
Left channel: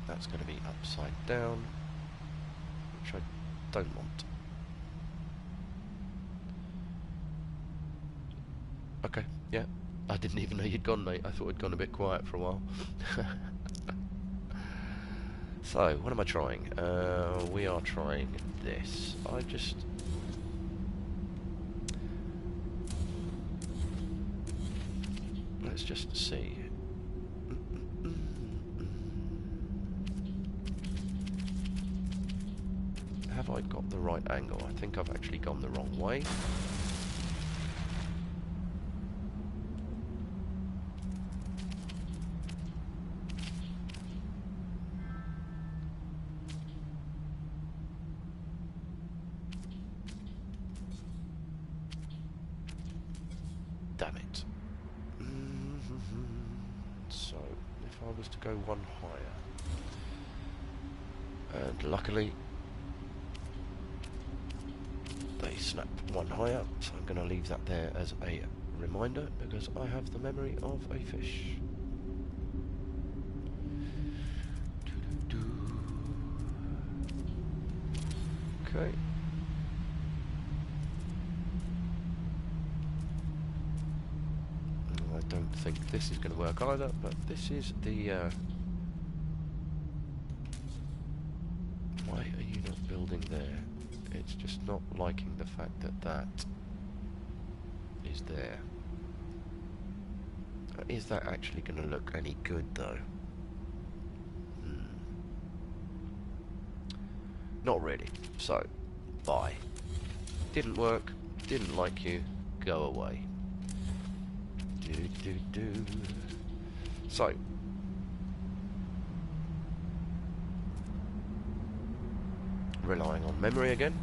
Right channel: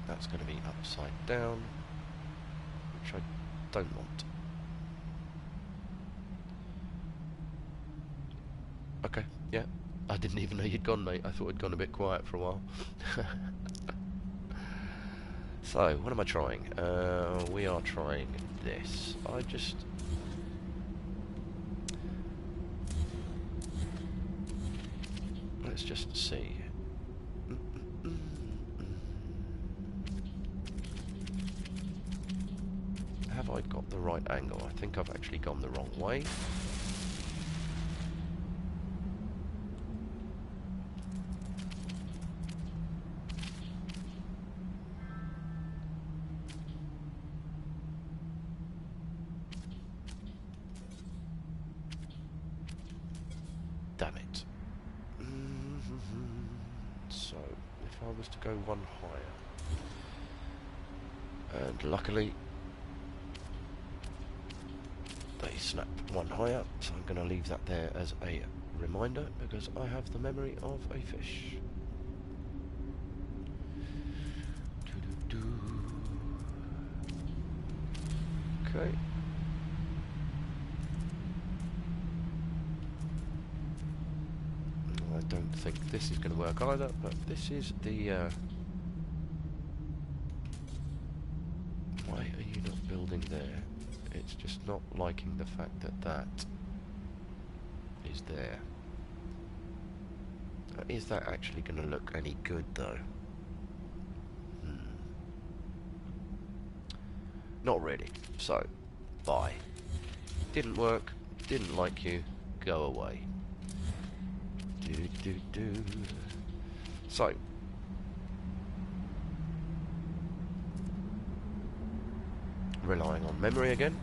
That's going to be upside down, which I don't want. Okay, yeah. I didn't even know you'd gone, mate. I thought it'd gone a bit quiet for a while. So, what am I trying? We are trying this. Let's just see. Have I got the right angle? I think I've actually gone the wrong way. Damn it. So, if I was to go one higher, and luckily they snapped one higher, so I'm going to leave that there as a reminder because I have the memory of a fish. Okay. I don't think this is going to work either, but this is the... Why are you not building there? It's just not liking the fact that that is there. Is that actually going to look any good, though? Not really. So, bye. Didn't work, didn't like you, go away. Do. So, relying on memory again.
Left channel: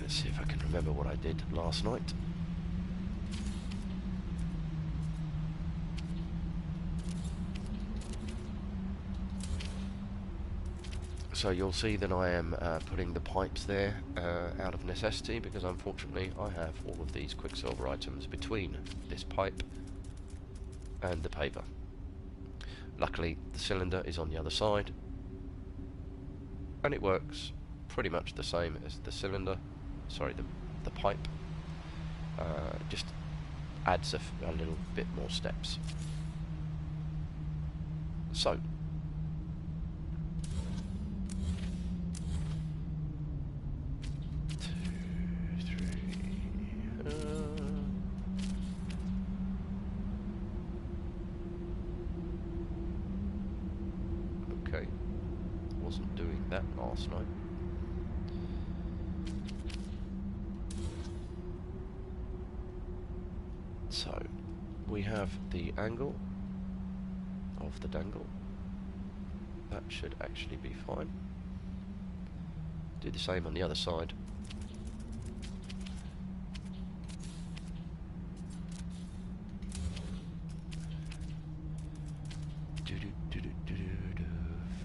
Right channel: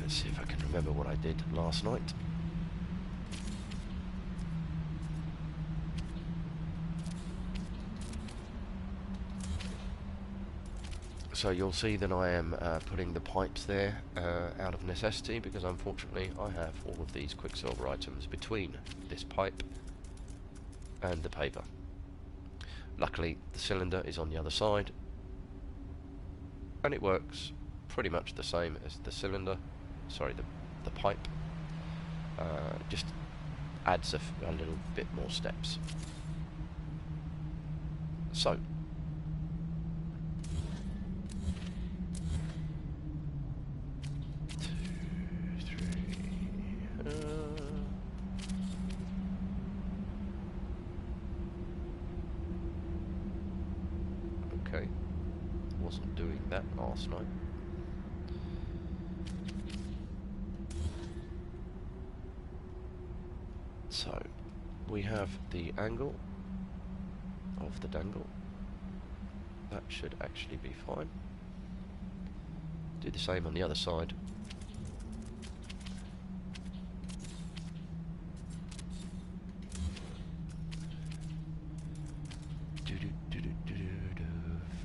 Let's see if I can remember what I did last night. So you'll see that I am putting the pipes there out of necessity, because unfortunately I have all of these Quicksilver items between this pipe and the paver. Luckily the cylinder is on the other side, and it works pretty much the same as the cylinder, sorry, the pipe, just adds a little bit more steps. So, okay, wasn't doing that last night. So, we have the angle of the dangle. That should actually be fine. Do the same on the other side.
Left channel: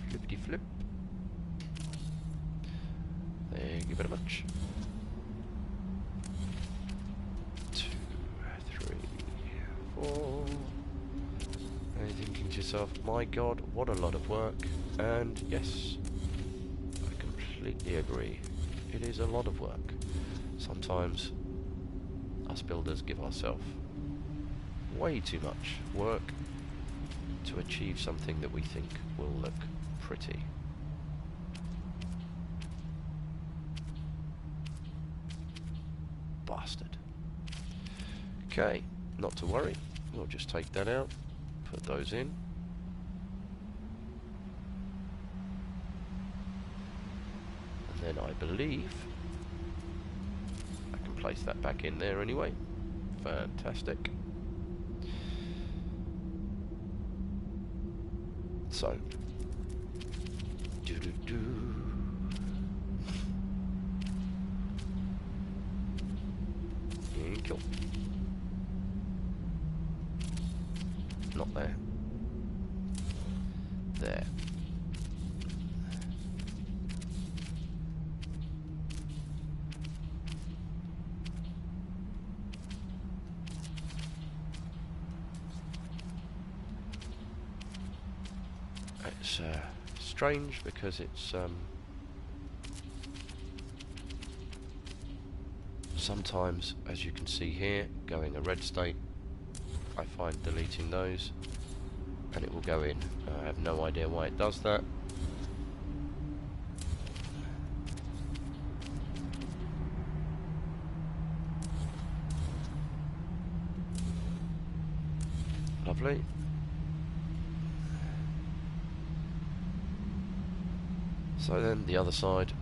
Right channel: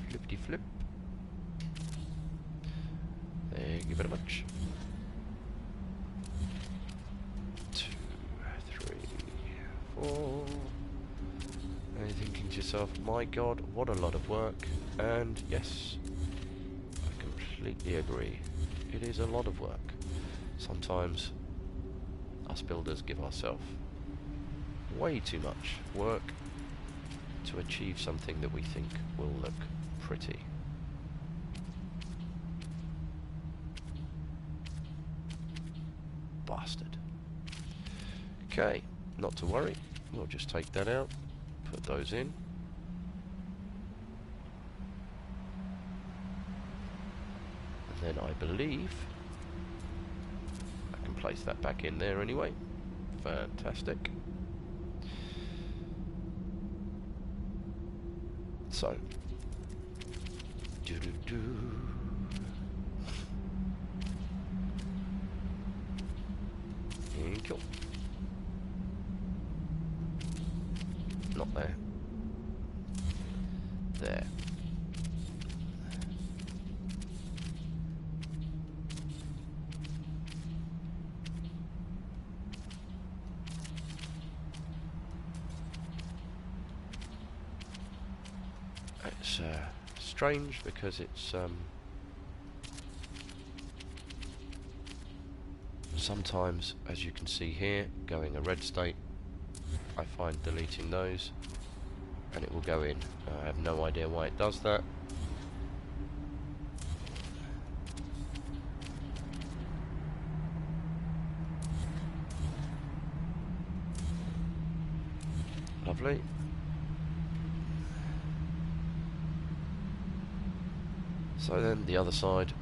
Flippity flip. Thank you very much. 2, 3, 4. And you're thinking to yourself, my god, what a lot of work. And yes, I completely agree. It is a lot of work. Sometimes us builders give ourselves way too much work to achieve something that we think will look pretty. Bastard. Okay, not to worry. We'll just take that out, put those in. And then I believe I can place that back in there anyway. Fantastic. So, Kill. Not there. There. It's strange because it's sometimes, as you can see here, going a red state. I find deleting those and it will go in. I have no idea why it does that. Lovely. So then the other side.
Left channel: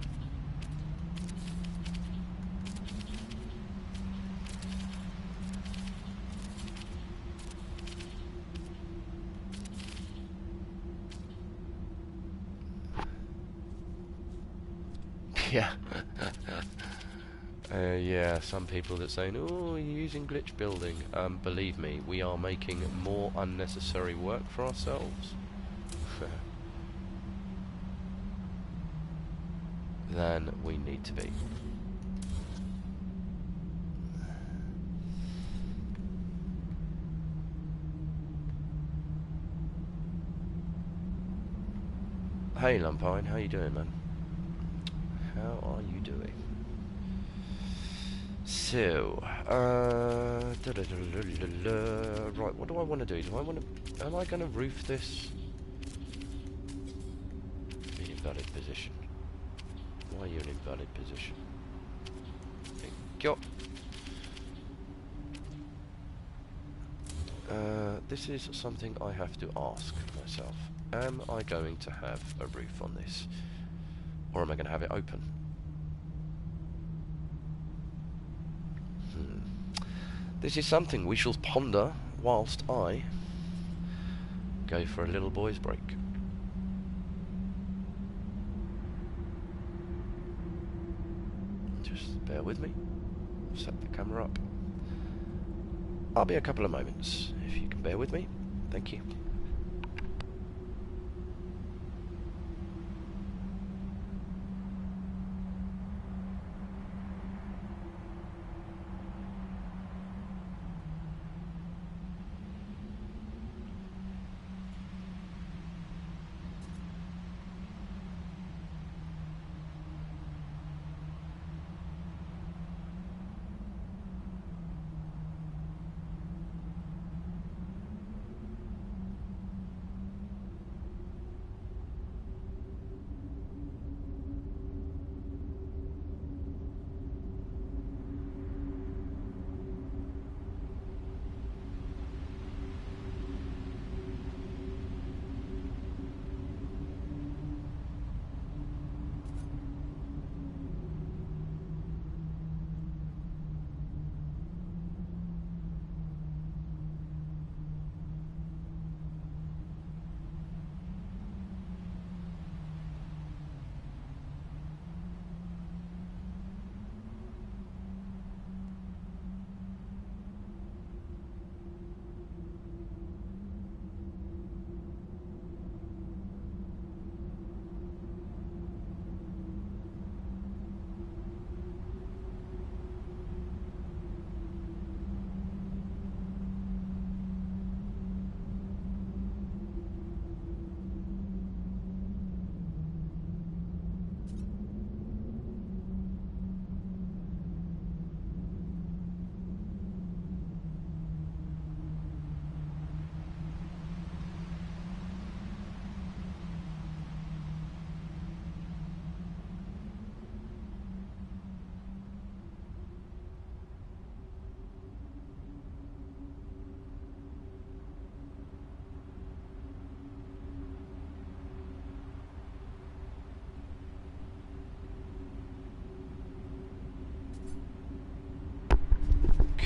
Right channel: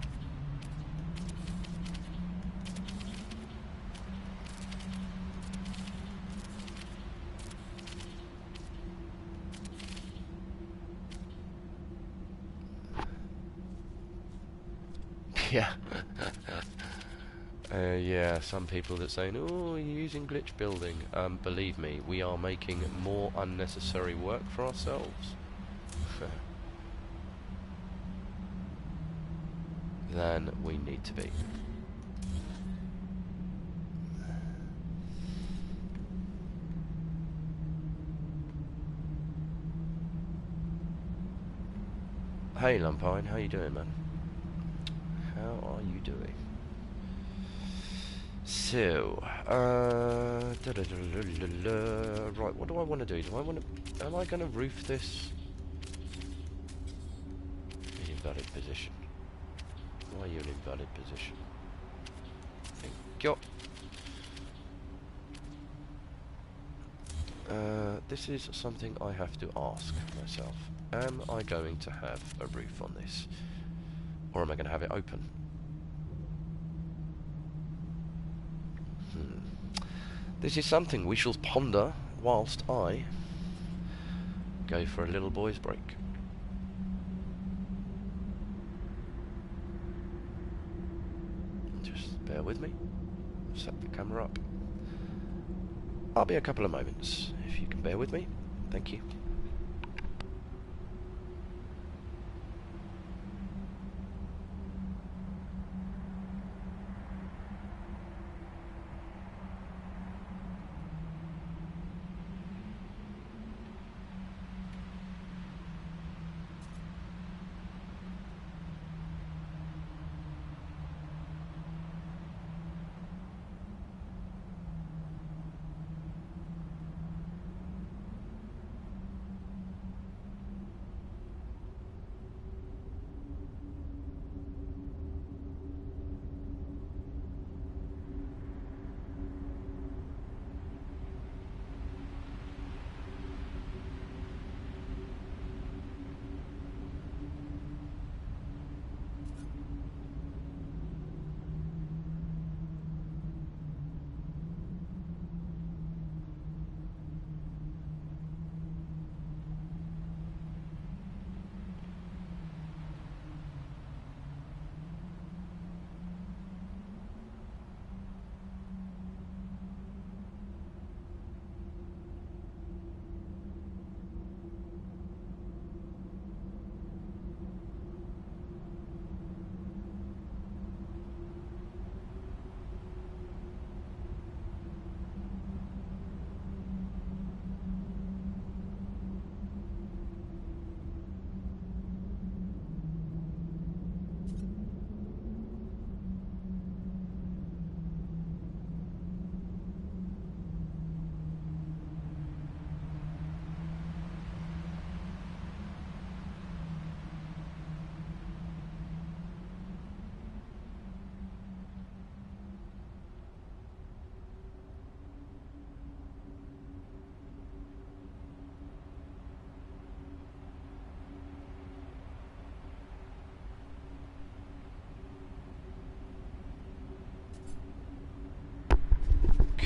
Yeah. Yeah, some people that saying, oh, you're using glitch building. Believe me, we are making more unnecessary work for ourselves than we need to be. Hey Lumpine, how you doing, man? How are you doing? So, right, what do I want to do? Am I going to roof this? In invalid position. Why are you in invalid position? Thank you. This is something I have to ask myself. Am I going to have a roof on this? Or am I going to have it open? This is something we shall ponder whilst I go for a little boy's break. Just bear with me. Set the camera up. I'll be a couple of moments, if you can bear with me. Thank you.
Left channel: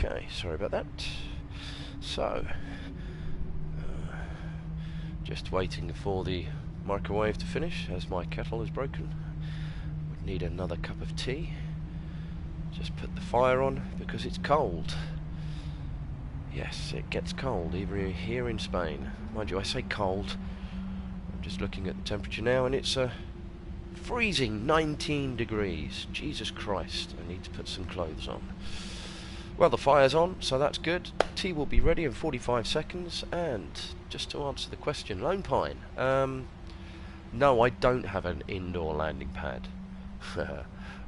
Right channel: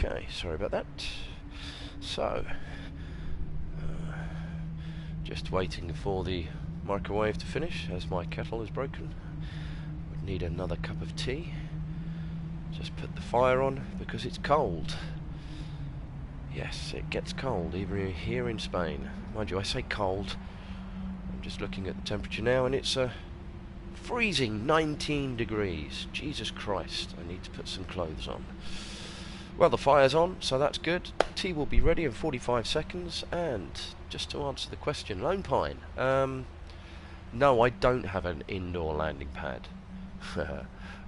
Okay, sorry about that. So, just waiting for the microwave to finish as my kettle is broken. Would need another cup of tea. Just put the fire on because it's cold. Yes, it gets cold even here in Spain. Mind you, I say cold. I'm just looking at the temperature now and it's freezing 19 degrees. Jesus Christ, I need to put some clothes on. Well, the fire's on, so that's good. Tea will be ready in 45 seconds. And just to answer the question, Lone Pine. No, I don't have an indoor landing pad.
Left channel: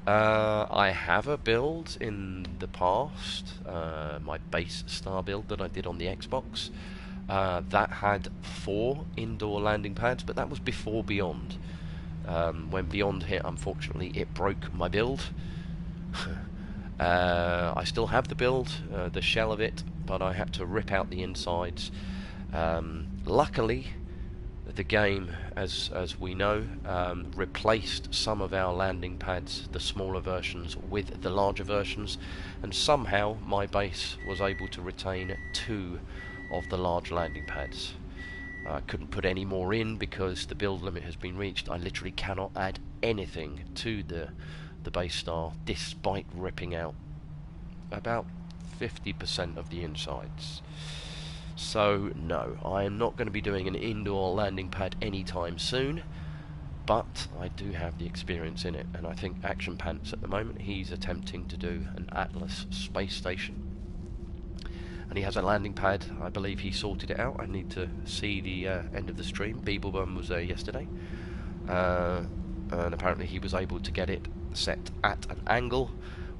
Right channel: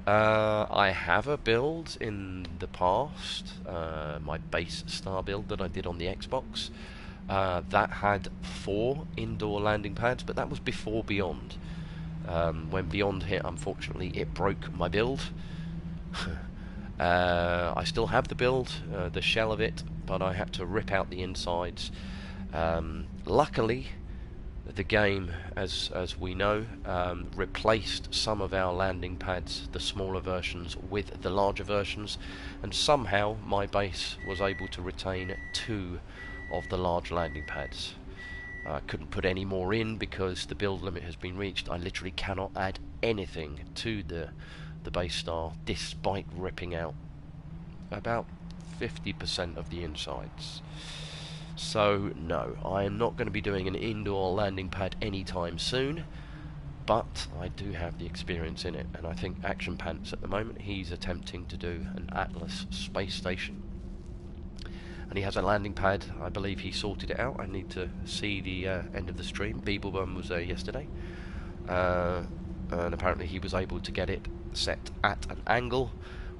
I have a build in the past, my base star build that I did on the Xbox. That had 4 indoor landing pads, but that was before Beyond. When Beyond hit, unfortunately, it broke my build. I still have the build, the shell of it, but I had to rip out the insides. Luckily, the game, as we know, replaced some of our landing pads, the smaller versions, with the larger versions, and somehow my base was able to retain 2 of the large landing pads. I couldn't put any more in because the build limit has been reached. I literally cannot add anything to the base star despite ripping out about 50% of the insides. So no, I am not going to be doing an indoor landing pad anytime soon, but I do have the experience in it, and I think Action Pants at the moment, he's attempting to do an Atlas space station, and he has a landing pad. I believe he sorted it out. I need to see the end of the stream. Beeblebum was there yesterday. and apparently he was able to get it set at an angle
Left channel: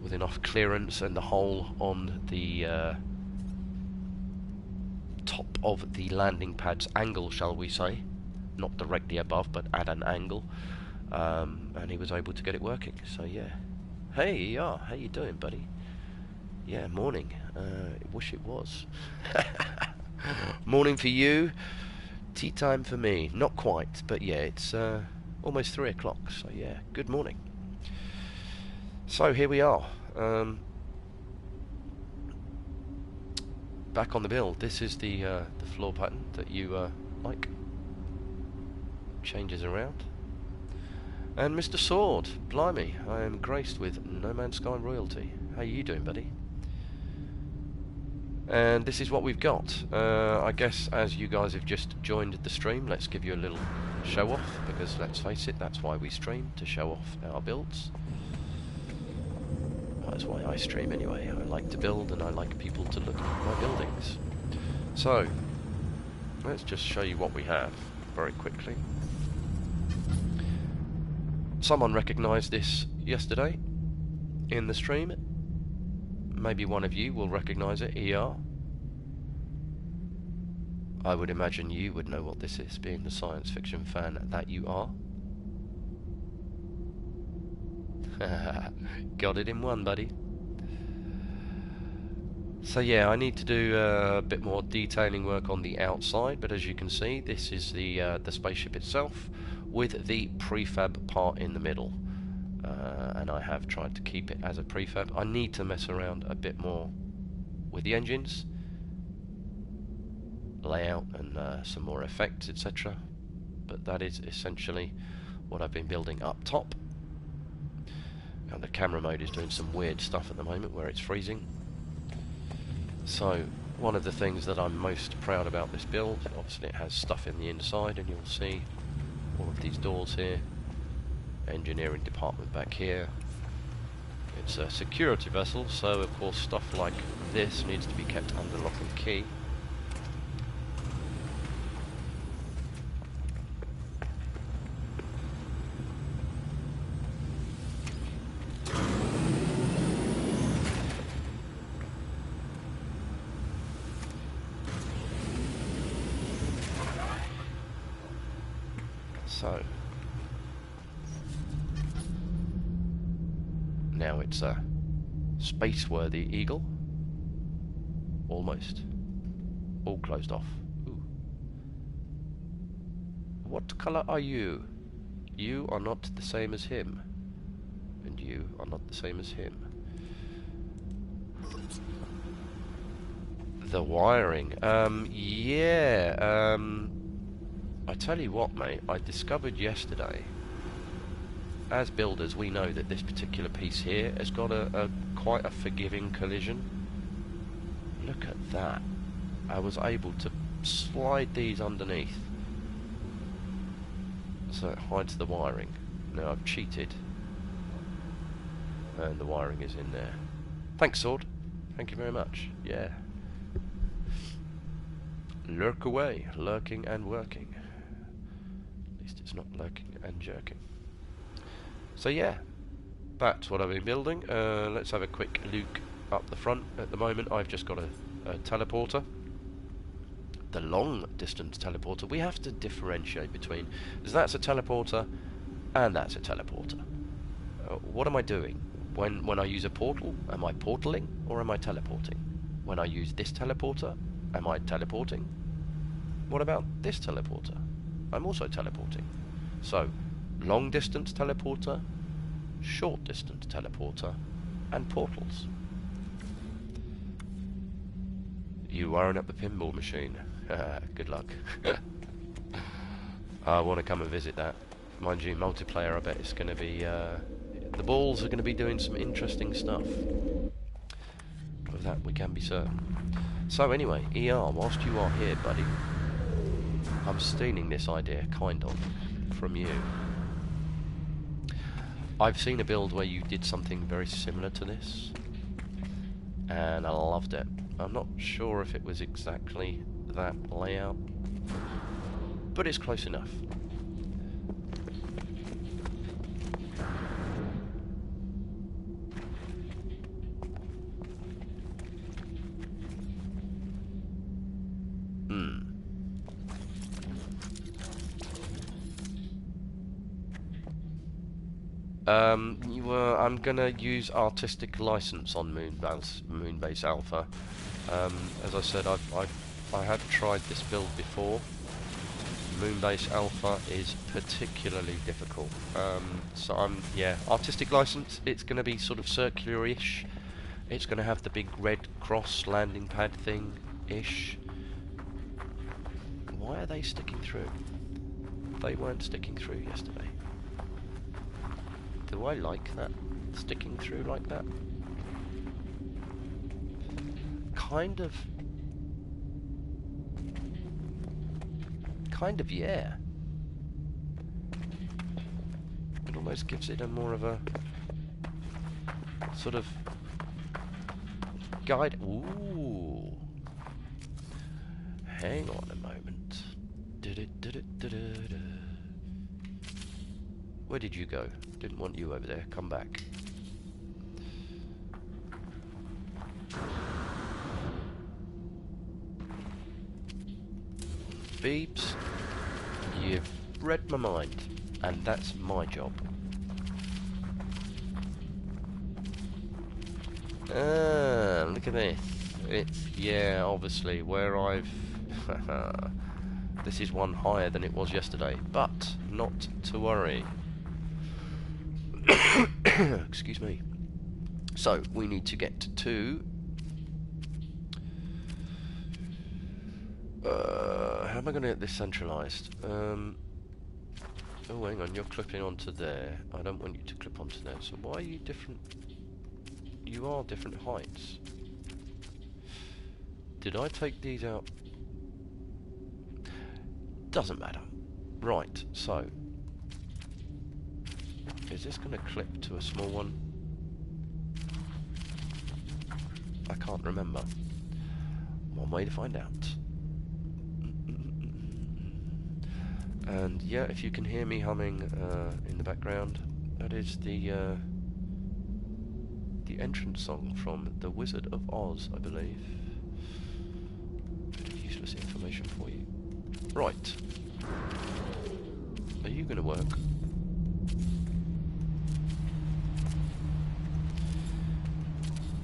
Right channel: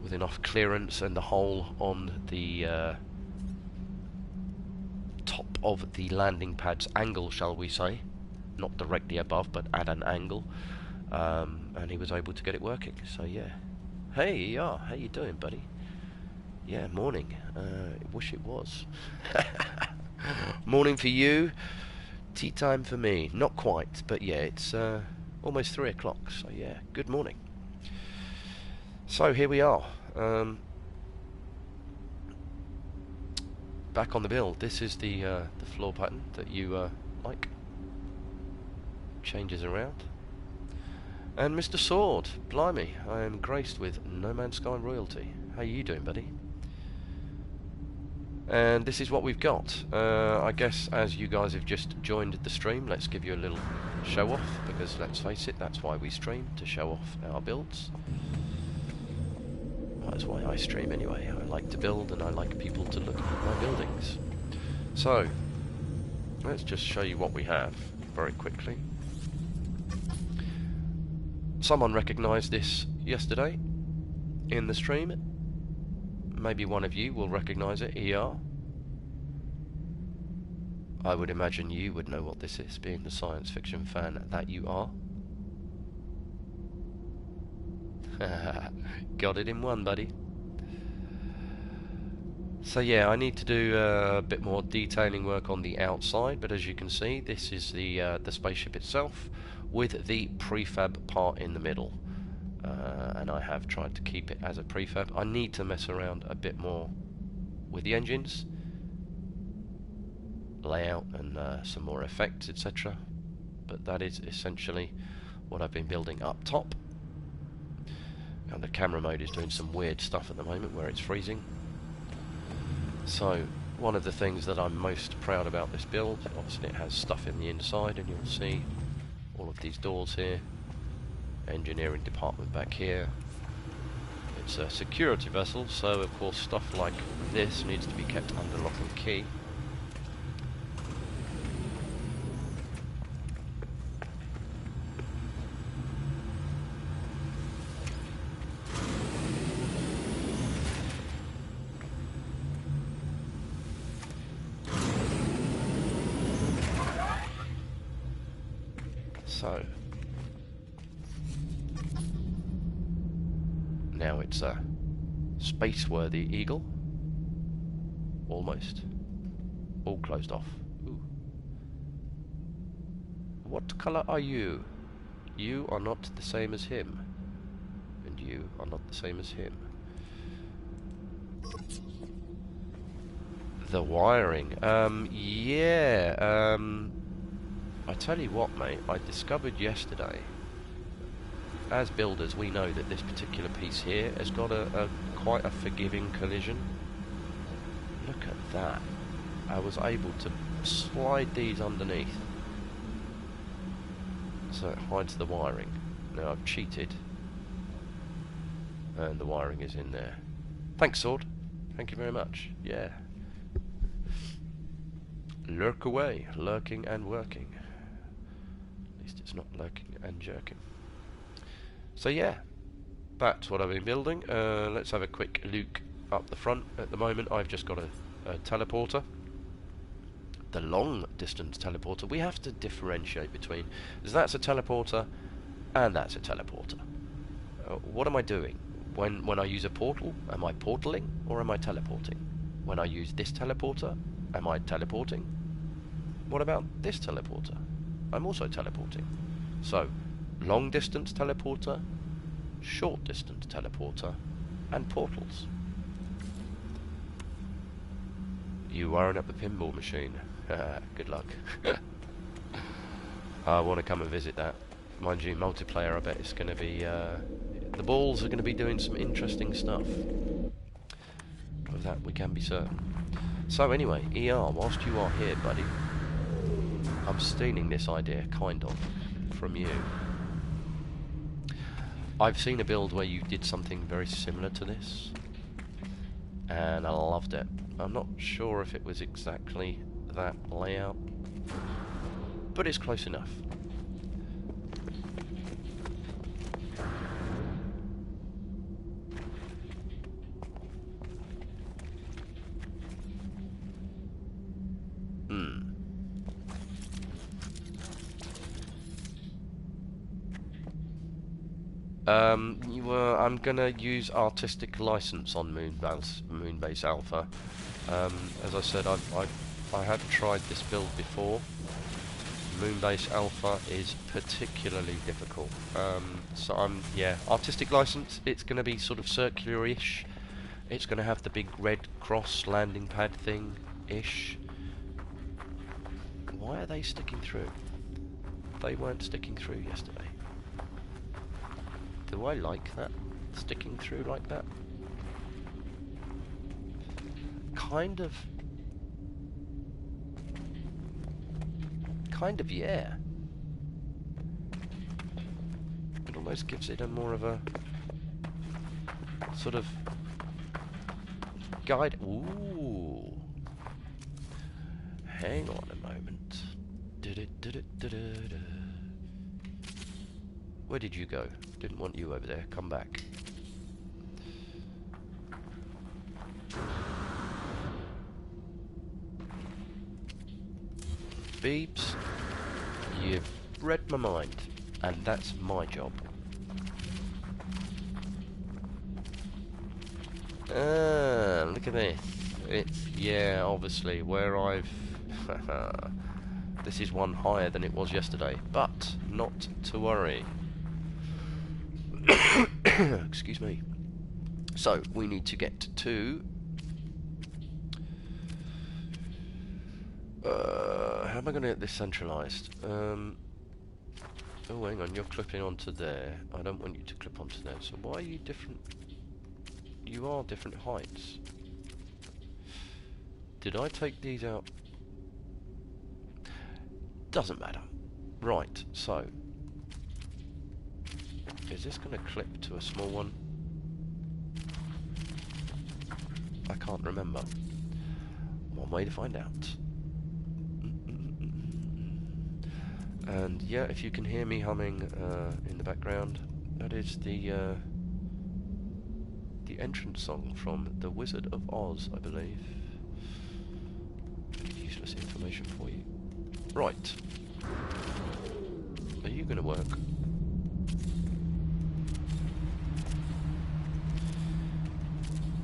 with enough clearance and the hole on the top of the landing pad's angle, shall we say, not directly above but at an angle, and he was able to get it working. So yeah, hey, yeah, how you doing, buddy? Yeah, morning. Wish it was. Morning for you, tea time for me. Not quite, but yeah, it's almost 3 o'clock, so yeah, good morning. So here we are, back on the build. This is the floor pattern that you like. Changes around. And Mr. Sword, blimey, I am graced with No Man's Sky royalty. How you doing, buddy? And this is what we've got. I guess as you guys have just joined the stream, let's give you a little show off, because let's face it, that's why we stream, to show off our builds. That's why I stream anyway. I like to build and I like people to look at my buildings. So, let's just show you what we have very quickly. Someone recognised this yesterday in the stream. Maybe one of you will recognise it, ER. I would imagine you would know what this is, being the science fiction fan that you are. Got it in one, buddy. So yeah, I need to do a bit more detailing work on the outside, but as you can see, this is the spaceship itself with the prefab part in the middle. And I have tried to keep it as a prefab. I need to mess around a bit more with the engines, layout, and some more effects, etc. But that is essentially what I've been building up top. And the camera mode is doing some weird stuff at the moment where it's freezing. So one of the things that I'm most proud about this build, obviously it has stuff in the inside, and you'll see all of these doors here, engineering department back here. It's a security vessel, so of course stuff like this needs to be kept under lock and key. So now it's a space-worthy eagle. Almost. All closed off. Ooh. What colour are you? You are not the same as him. And you are not the same as him. The wiring. Yeah. I tell you what, mate, I discovered yesterday, as builders we know that this particular piece here has got a quite a forgiving collision. Look at that. I was able to slide these underneath so it hides the wiring. Now I've cheated and the wiring is in there. Thanks, Sword. Thank you very much. Yeah. Lurk away, lurking and working. At least it's not lurking and jerking. So yeah, that's what I've been building. Let's have a quick look up the front. At the moment I've just got a teleporter. The long distance teleporter. We have to differentiate between, because that's a teleporter and that's a teleporter. What am I doing? When I use a portal, am I portaling or am I teleporting? When I use this teleporter, am I teleporting? What about this teleporter? I'm also teleporting. So, long distance teleporter, short distance teleporter, and portals. You wiring up the pinball machine. Good luck. I want to come and visit that. Mind you, multiplayer, I bet it's going to be... the balls are going to be doing some interesting stuff. Of that we can be certain. So anyway, ER, whilst you are here, buddy, I'm stealing this idea, kind of, from you. I've seen a build where you did something very similar to this, and I loved it. I'm not sure if it was exactly that layout, but it's close enough. I'm gonna use artistic license on Moonbase Alpha. As I said, I have tried this build before. Moonbase Alpha is particularly difficult. So yeah, artistic license. It's gonna be sort of circular-ish. It's gonna have the big red cross landing pad thing-ish. Why are they sticking through? They weren't sticking through yesterday. Do I like that? Sticking through like that? Kind of, yeah. It almost gives it a more of a sort of guide. Ooh. Hang on a moment. Where did you go? Didn't want you over there. Come back. Beeps, you've read my mind, and that's my job. Look at this. It's, yeah, obviously, where I've... This is one higher than it was yesterday, but not to worry. Excuse me. So, we need to get to... how am I going to get this centralised? Oh, hang on, you're clipping onto there. I don't want you to clip onto there. So why are you different? You are different heights. Did I take these out? Doesn't matter. Right, so... Is this going to clip to a small one? I can't remember. One way to find out. And yeah, if you can hear me humming in the background, that is the entrance song from The Wizard of Oz, I believe. Bit of useless information for you. Right. Are you going to work?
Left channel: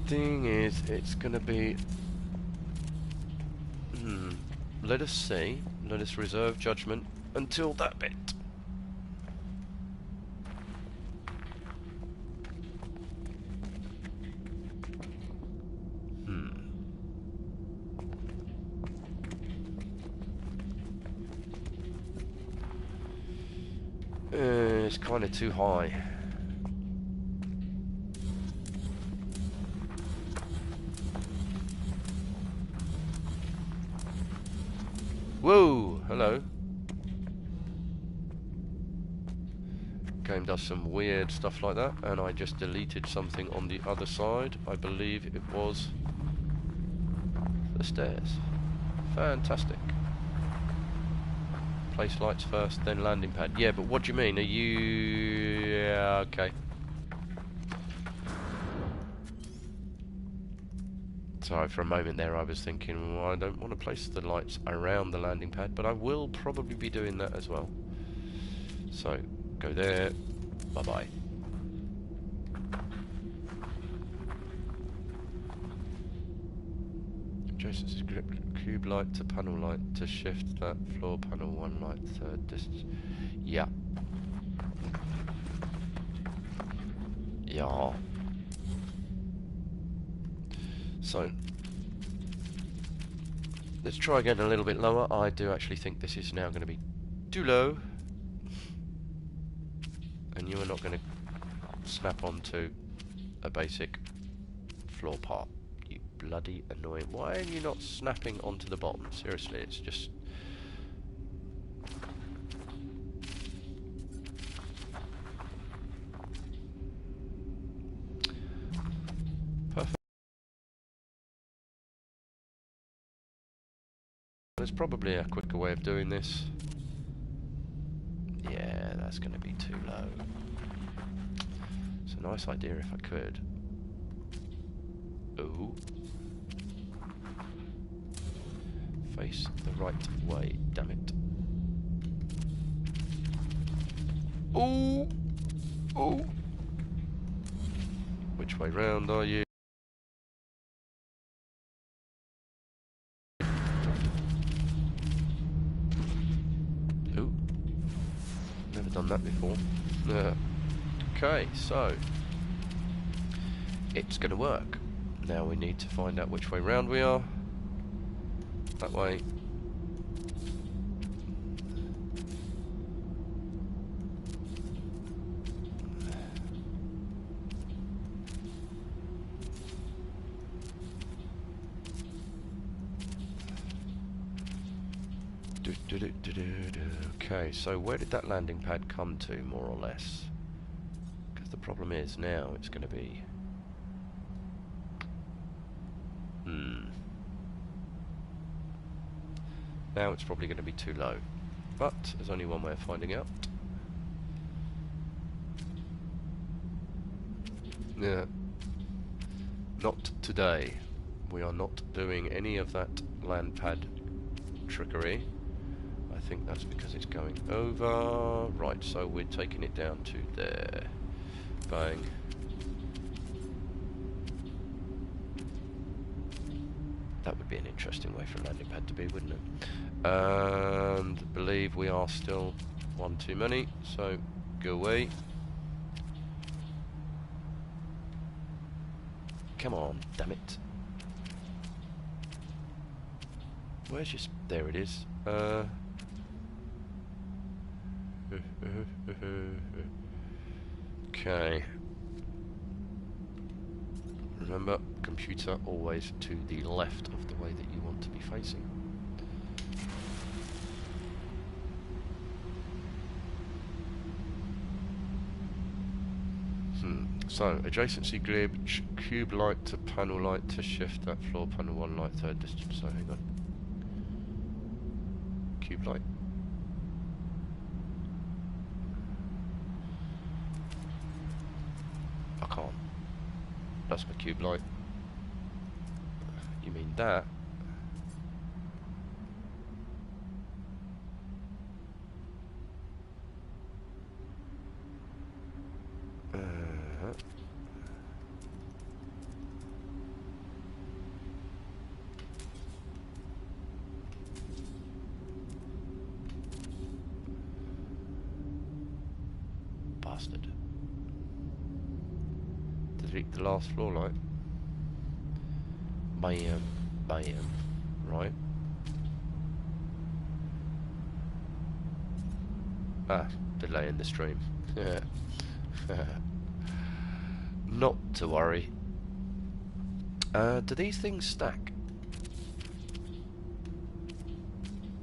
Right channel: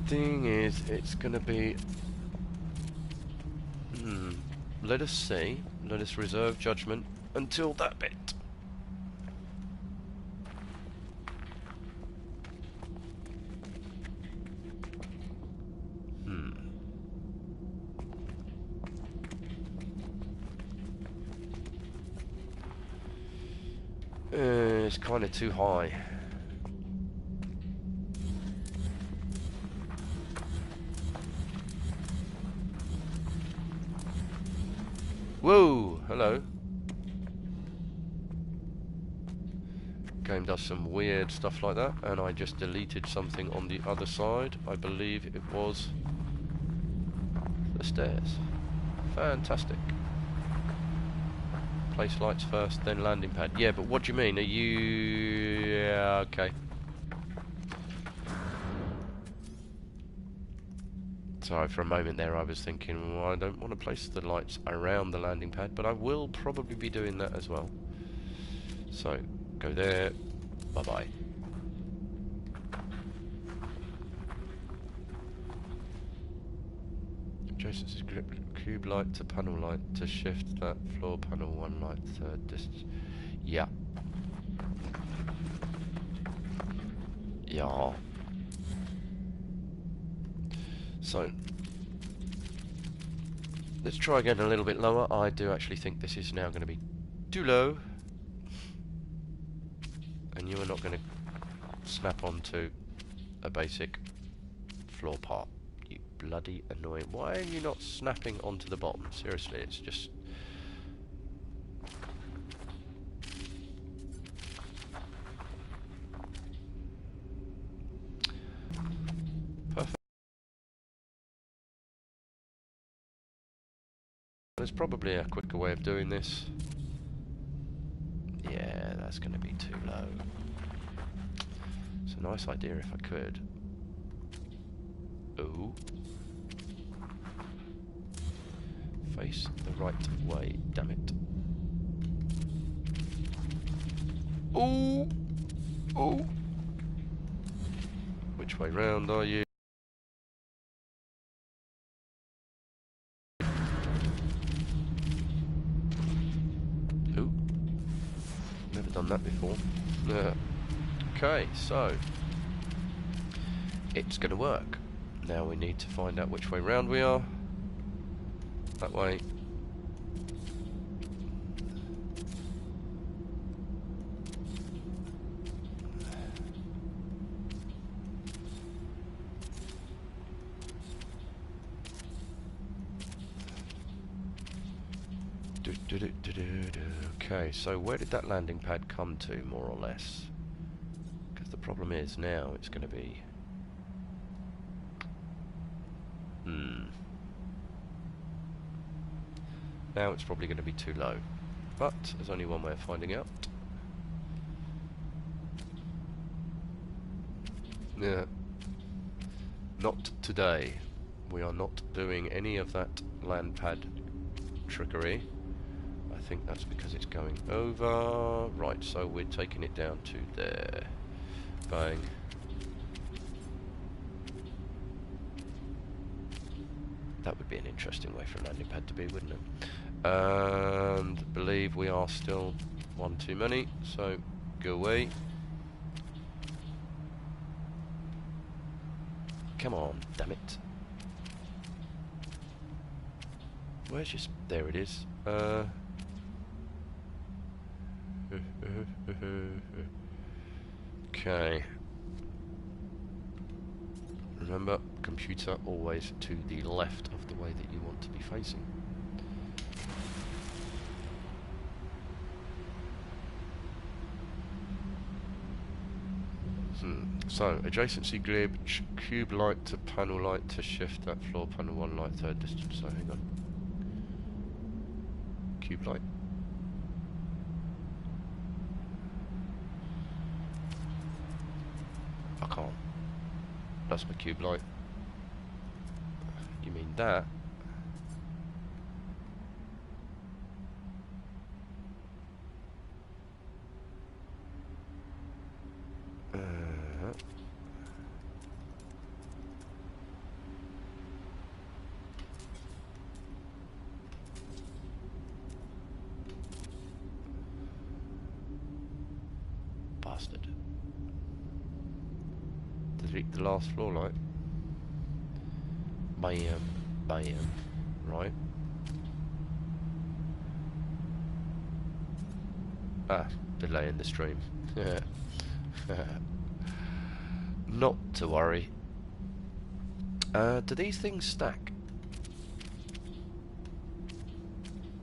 Thing is, it's going to be... Let us see. Let us reserve judgment until that bit. It's kind of too high. Whoa! Hello. Game does some weird stuff like that, and I just deleted something on the other side. I believe it was the stairs. Fantastic. Place lights first, then landing pad. Yeah, but what do you mean? Are you... Yeah, okay. Sorry, for a moment there I was thinking, well, I don't want to place the lights around the landing pad, but I will probably be doing that as well. So, go there. Bye-bye. Adjacent cube light to panel light to shift that floor panel one light third distance. Yeah. Yeah. So, let's try again a little bit lower. I do actually think this is now going to be too low. And you are not going to snap onto a basic floor part. You bloody annoying. Why are you not snapping onto the bottom? Seriously, it's just... Perfect. There's probably a quicker way of doing this. Yeah, that's going to be too low. It's a nice idea if I could. Ooh. Face the right way, damn it. Ooh! Ooh! which way round, are you? Ooh, never done that before. Okay, so it's going to work. Now we need to find out which way round we are. That way. Okay, so where did that landing pad come to, more or less? Because the problem is now it's going to be... Now it's probably going to be too low. But there's only one way of finding out. Yeah. Not today. We are not doing any of that land pad trickery. I think that's because it's going over. Right, so we're taking it down to there. Bang. That would be an interesting way for a landing pad to be, wouldn't it? And believe we are still one too many, so go away. Come on, damn it. Where's your... there it is. Okay. Remember, computer always to the left of the way that you want to be facing. So, adjacency grid, cube light to panel light to shift that floor panel one light third distance. So, hang on. Cube light. I can't. That's my cube light. You mean that? Bastard. Delete the last floor light. Bam, bam. Right. Ah, delay in the stream. Not to worry. Do these things stack?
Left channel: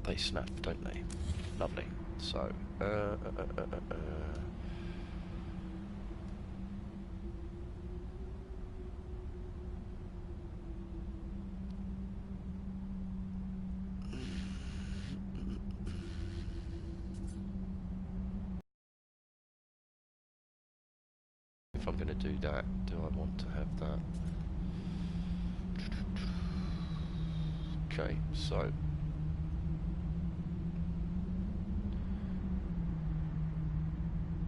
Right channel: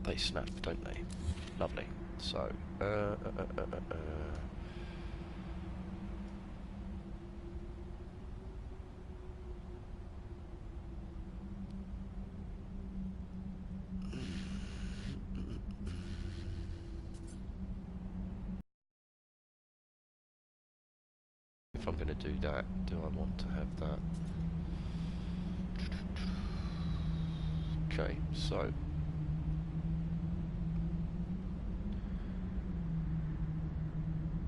They snap, don't they? Lovely. So, if I'm going to do that, do I want to have that? Okay, so